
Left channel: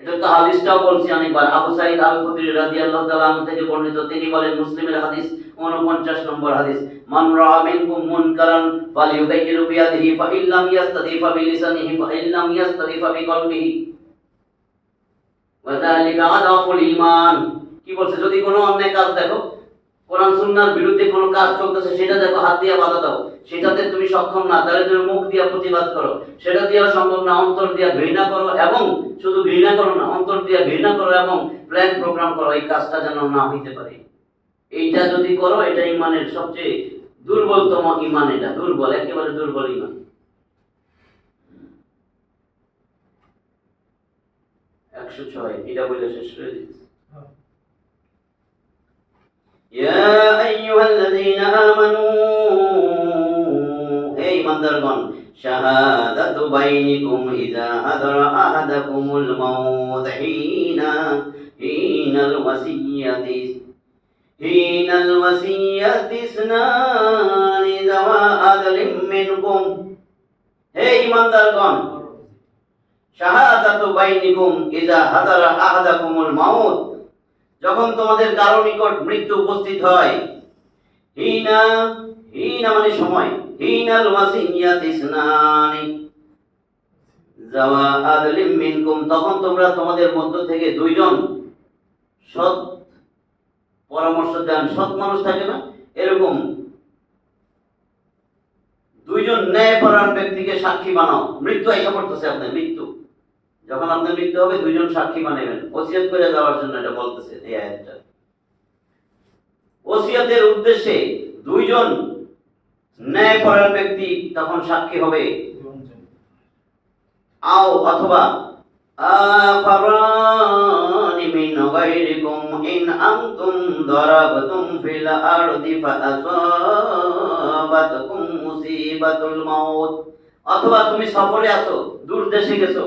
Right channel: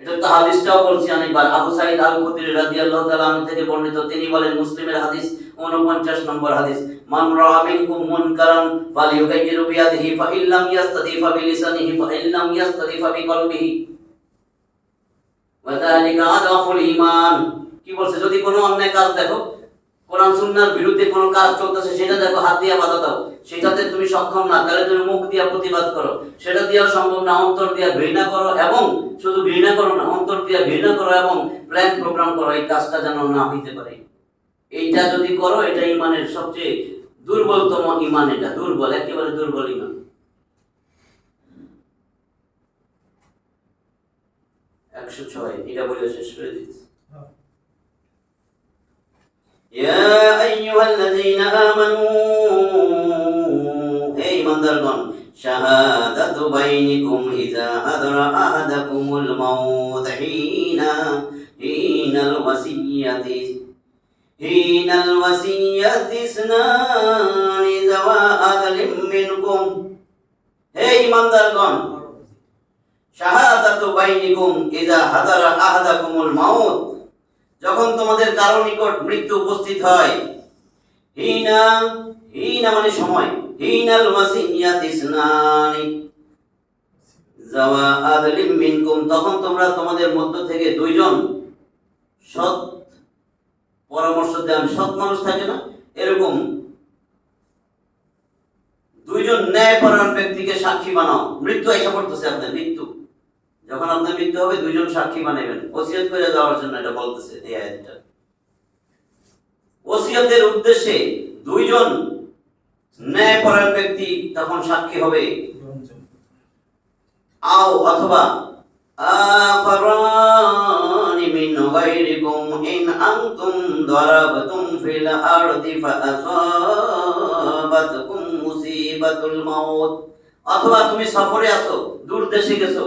এটা তো হাদিসটাও বলছি অনেকবার। আবু সাঈদ আল খুদরি রাদিয়াল্লাহু তাআলা আনহু থেকে বর্ণিত, তিনি বলেন, মুসলিমের হাদিস 49 নম্বর হাদিস, মান রাআ মিনকুম মুনকারান ফালিয়ুগাইয়িরু বিয়াদিহি ফাইল্লাম ইয়াস্তাতি ফাবিলিসানিহি ফাইল্লাম ইয়াস্তাতি ফাবিকলবিহি ওয়া যালিকা আদাফুল ঈমান। কি বলছে? যদি কোনো অন্যায় কাজ দেখো, কোরআন সুন্নাহর বিরুদ্ধে কোনো কাজ চলতেছে, সেটা দেখো, হাত দিয়ে বাধা দাও। সেটাতে তুমি সক্ষম না, তাহলে তুমি মুখ দিয়ে প্রতিবাদ করো। সেটা দিয়েও সম্ভব না, অন্তর দিয়ে ঘৃণা করো, এবং শুধু ঘৃণা করো না, অন্তর দিয়ে ঘৃণা করো এবং প্ল্যান প্রোগ্রাম করো এই কাজটা যেন না হইতে পারে। এইটা যদি করো, এটা ইমানের সবচেয়ে দুর্বলতম ইমান। এটা দুর্বল, একেবারে দুর্বল ইমান। 106 এটা বলে শেষ করে দিচ্ছি। يا أيها الذين آمنوا হে ইমানদারগণ, শাহাদাতু বাইনিকুম ইযা হাদারা আহাদাকুমুল মাউত হিনাল ওয়াসিয়াতি ইসনানি যাওয়া আদলিম মিনকুম। হে ইমানদারগণ, শাহাদাতু বাইনিকুম ইযা হাদারা আহাদাকুমুল মাউত, যখন তোমাদের কারো নিকট মৃত্যু উপস্থিত হয়, হিনা মানে সময়, হিনাল ওয়াসিয়াতি ইসনানি যাওয়া আদলিম মিনকুম, তখন তোমরা তোমাদের মধ্য থেকে দুইজন সৎ পরামর্শ দেন, সৎ মানুষ থাকে না, এরকম দুইজন ন্যায়পরায়ণ ব্যক্তিকে সাক্ষী বানাও। মৃত্যু আইসা পড়তেছে, আপনার মৃত্যু, যখন আপনার মৃত্যু হবে, দুইজন সাক্ষী বানাবেন ওসিয়ত করে যাওয়ার জন্য। এটা বলতেছে এই আয়াতটা। ওসিয়তের উদ্দেশ্যে দুইজন ন্যায়পরায়ণ ব্যক্তি তখন সাক্ষী হবে। আও অথবা আফরানি মিন গায়রিকুম ইন আনতুম দারাবতুম ফিল আরদি ফাআসাবাতকুম মুসিবাতুল মাউত, অথবা তুমি সফরে আছো, দূর দেশে গেছো,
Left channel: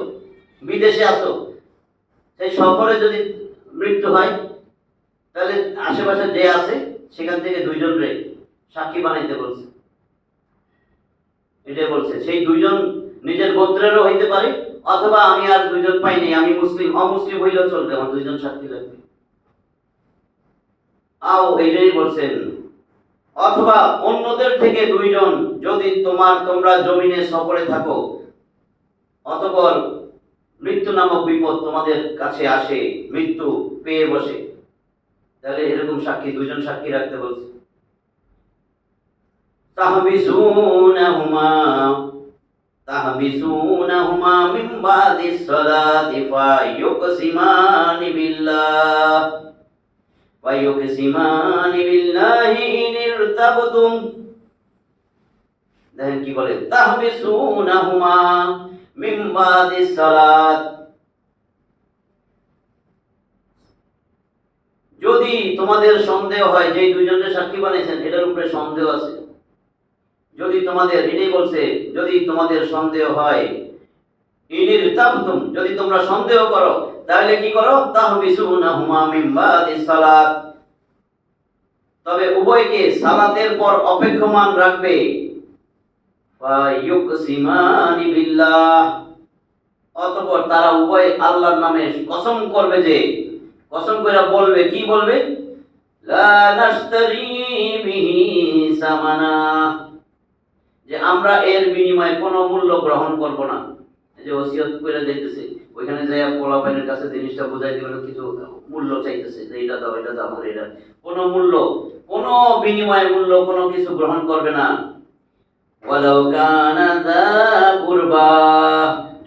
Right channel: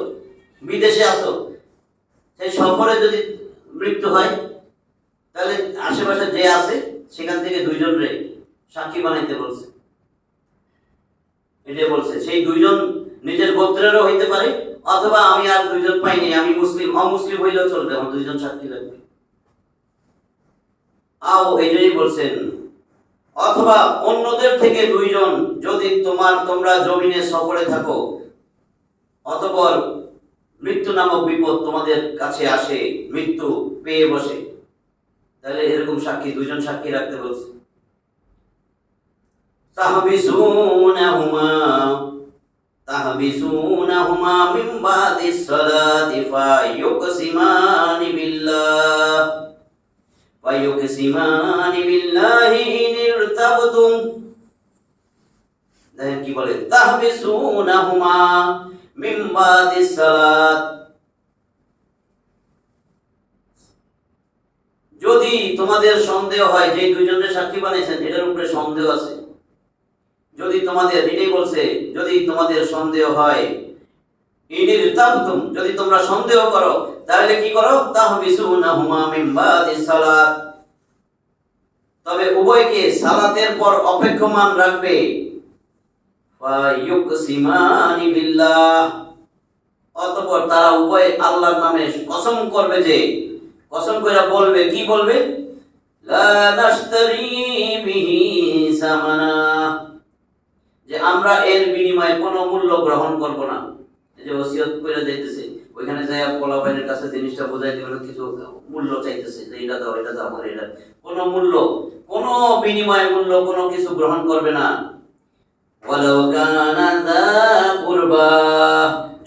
বিদেশে আছো, সেই সফরে যদি মৃত্যু হয়, তাহলে আশেপাশে যে আছে সেখান থেকে দুইজন রে সাক্ষী বানাইতে বলছে। এটাই বলছে। সেই দুইজন নিজের গোত্রেরও হইতে পারে, অথবা আমি আর দুইজন পাইনি, আমি মুসলিম, অমুসলিম হইলেও চলবে, আমার দুইজন সাক্ষী লাগবে। আও এটাই বলছেন, অথবা অন্যদের থেকে দুইজন, যদি তোমরা জমিনে সফরে থাকো, অতঃপর মৃত্যু নামক বিপদ তোমাদের কাছে আসে, মৃত্যু পেয়ে বসে, তাহলে এরকম সাক্ষী, দুইজন সাক্ষী রাখতে বলছে। তাহবিসুনাহুমা মিন বাদিস সালাতি ফায়ুকসিমানি বিল্লাহি ইন ইরতাবতুম। দেখেন কি বলে, তাহবিসুনাহুমা মিন বাদিস সালাত, যদি তোমাদের সন্দেহ হয়, যে দুইজনের সাক্ষী বানাইছেন এটার উপরে সন্দেহ আছে, যদি তোমাদের, এটাই বলছে, যদি তোমাদের সন্দেহ হয়, ইনির তাবতুম, যদি তোমরা সন্দেহ করো, তাহলে কি করো, তাহবিসুনাহুমা মিন বাদিস সালাত, তবে উভয়কে সালাতের পর অপেক্ষমান রাখবে। ফায়ুকসিমানি বিল্লাহ, অতঃপর তারা উভয় আল্লাহর নামে কসম করবে যে, কসম করে বলবে, কি বলবে? লা নাশতারি বিহি সামানা, যে আমরা এর বিনিময়ে কোনো মূল্য গ্রহণ করব না। এই যে ওসিয়ত করে যাইতেছে, ওইখানে যাই পোলাপাইনের কাছে জিনিসটা বোঝাই দিবেন, কিছু মূল্য চাইতেছে যে এটা দাও, এটা দাও, আমার এটা, কোনো মূল্য, কোনো বিনিময় মূল্য কোনো কিছু গ্রহণ করবে না। ওয়ালাউ কানা যা কুরবা,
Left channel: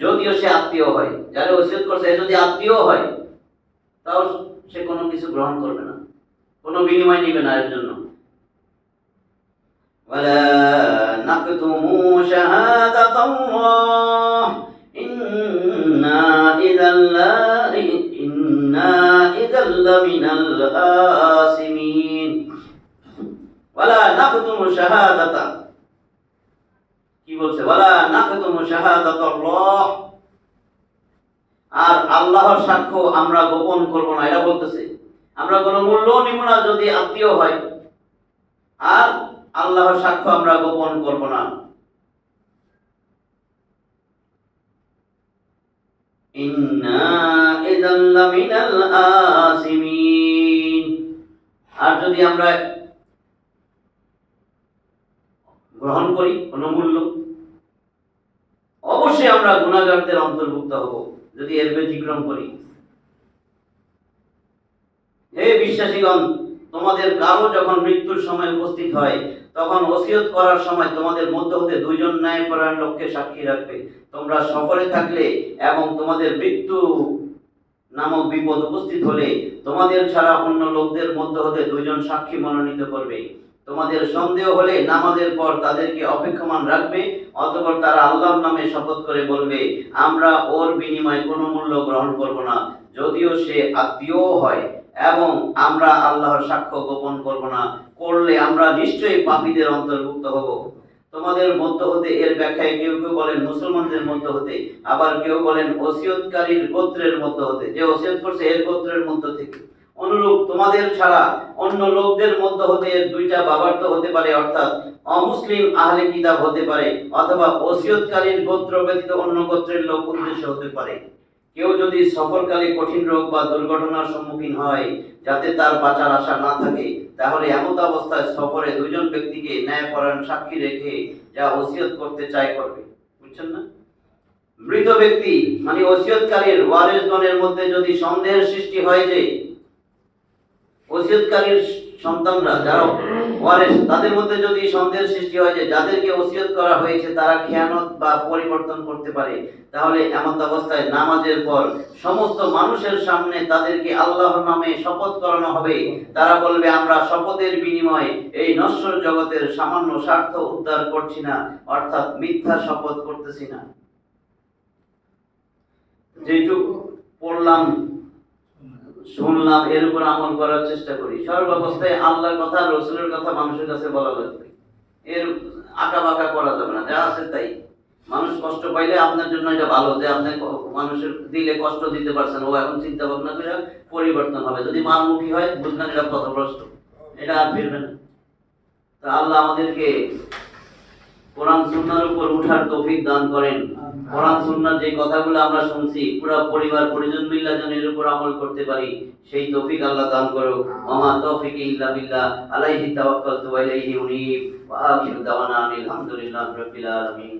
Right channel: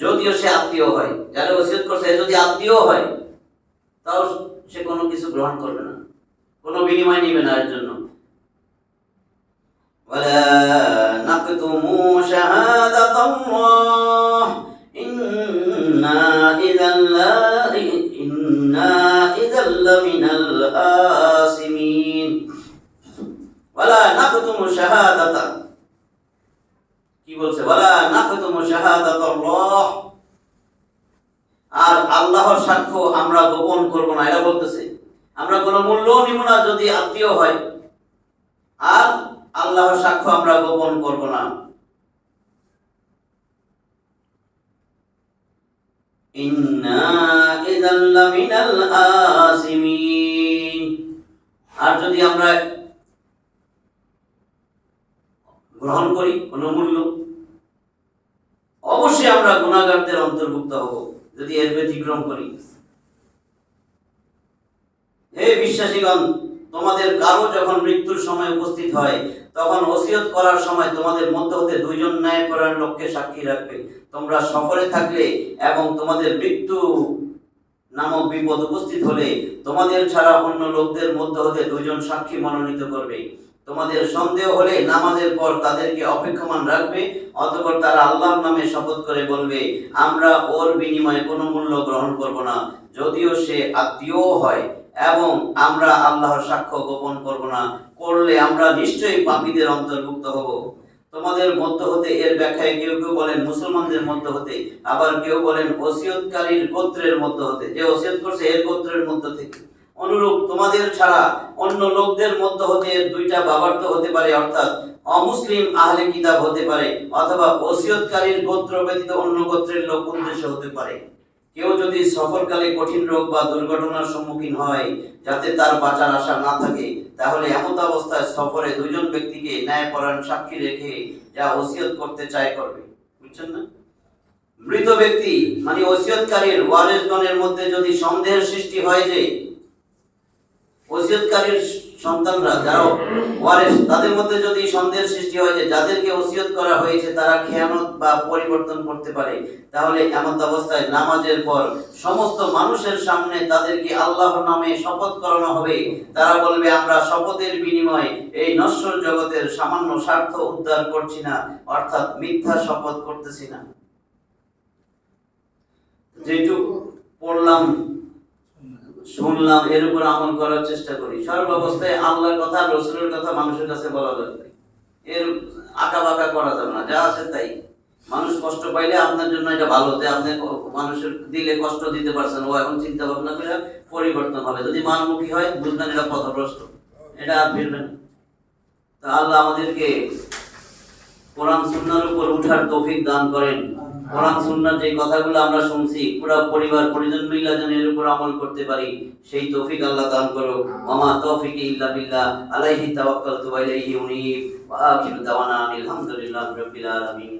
যদিও সে আত্মীয় হয়, যারা ওসিয়ত করছে যদি আত্মীয় হয়, তাও সে কোনো কিছু গ্রহণ করবে না, কোনো বিনিময় নিবে না এর জন্য। ولا نكتموا شهادة الله إنا إذا لمن الآثمين ولا نكتموا شهادة, কি বলছে? ولا نكتموا شهادة الله, আর আল্লাহর সাক্ষ্য আমরা গোপন করব না, এটা বলতেছে। আমরা কোনো মূল্য নিব না যদি আত্মীয় হয়, আর আল্লাহর সাক্ষ্য আমরা গোপন করব না। ইন্না ইযাল লামিনাল আসিমিন, আর যদি আমরা গ্রহণ করি কোনো মূল্য, অবশ্যই আমরা গুনাহগারদের অন্তর্ভুক্ত হব যদি এর ব্যতিক্রম করি। হে বিশ্বাসীগণ, তোমাদের কারো যখন মৃত্যুর সময় উপস্থিত হয়, তখন ওসিয়ত করার সময় তোমাদের মধ্য হতে দুইজন ন্যায়পরায়ণ লোককে সাক্ষী রাখবে। তোমরা সফরে থাকলে এবং তোমাদের মৃত্যু নামক বিপদ উপস্থিত হলে তোমাদের ছাড়া অন্য লোকদের মধ্য হতে দুইজন সাক্ষী মনোনীত করবে। তোমাদের সন্দেহ হলে নামাজের পর তাদেরকে অপেক্ষমান রাখবে, অতঃপর তারা আল্লাহর নামে শপথ করে বলবে, আমরা ওর বিনিময়ে কোনো মূল্য গ্রহণ করব না, যদিও সে আত্মীয় হয়, এবং আমরা আল্লাহর সাক্ষ্য গোপন করব না, করলে আমরা নিশ্চয়ই পাপীদের অন্তর্ভুক্ত হব। তোমাদের মধ্য হতে, এর ব্যাখ্যায় কেউ কেউ বলেন মুসলমানদের মধ্য হতে, আবার কেউ বলেন ওসিয়তকারীর গোত্রের মধ্য হতে, যে ওসিয়ত করছে এর গোত্রের মধ্য থেকে। অনুরূপ তোমাদের ছাড়া অন্য লোকদের মধ্য হতে দুইটা বাবার তো হতে পারে, অর্থাৎ অমুসলিম আহলে কিতাব হতে পারে, অথবা ওসিয়তকারীর গোত্র ব্যতীত অন্য গোত্রের লোক উদ্দেশ্য হতে পারে। কেউ যদি সফরকালে কঠিন রোগ বা দুর্ঘটনার সম্মুখীন হয় যাতে তার বাঁচার আশা না থাকে, তাহলে এমত অবস্থায় সফরে দুজন ব্যক্তিকে ন্যায়পরায়ণ সাক্ষী রেখে যা ওসিয়ত করতে চায় করবে। বুঝছেন না? মৃত ব্যক্তি মানে ওসিয়তকারীর ওয়ারিসগণের মধ্যে যদি সন্দেহের সৃষ্টি হয় যে ওসিয়তকারীর সন্তানরা যারা ওয়ারিস, তাদের মধ্যে যদি সন্দেহের সৃষ্টি হয় যে যাদেরকে ওসিয়ত করা হয়েছে তারা খেয়ানত বা পরিবর্তন করতে পারে, তাহলে এমন অবস্থায় নামাজের পর সমস্ত মানুষের সামনে তাদেরকে আল্লাহর নামে শপথ করানো হবে। তারা বলবে, আমরা শপথের বিনিময়ে এই নশ্বর জগতের সামান্য স্বার্থ উদ্ধার করছি না, অর্থাৎ মিথ্যা শপথ করতেছি না। যেটুকু পড়লাম শুনলাম এর উপর আমল করার চেষ্টা করি। সর্বাবস্থায় আল্লাহর কথা, রসুলের কথা মানুষের কাছে বলা লাগবে, এর আঁকা বাঁকা করা যাবে না, যা আছে তাই। মানুষ কষ্ট পাইলে আপনার জন্য এটা ভালো যে আপনি মানুষের দিলে কষ্ট দিতে পারছেন, ও এখন চিন্তা ভাবনা করে পরিবর্তন হবে। যদি মানমুখী হয় বুঝলেন এটা পথভ্রষ্ট, এটা আর ফিরবে না। তা আল্লাহ আমাদেরকে কোরআন সুন্নাহর উপর উঠার তৌফিক দান করেন। কোরআন সুন্নাহর যে কথাগুলো আমরা শুনছি পুরো পরিবার পরিজন মিল্লা যেন এর উপর আমল করতে পারি, সেই তৌফিক আল্লাহ দান করো। ওয়া তৌফিকি ইল্লা বিল্লাহ, আলাইহি তাওয়াক্কালতু ওয়া ইলাইহি উনীব, ওয়া আখিরু দাওয়ানা আলহামদুলিল্লাহি রাব্বিল আলামিন।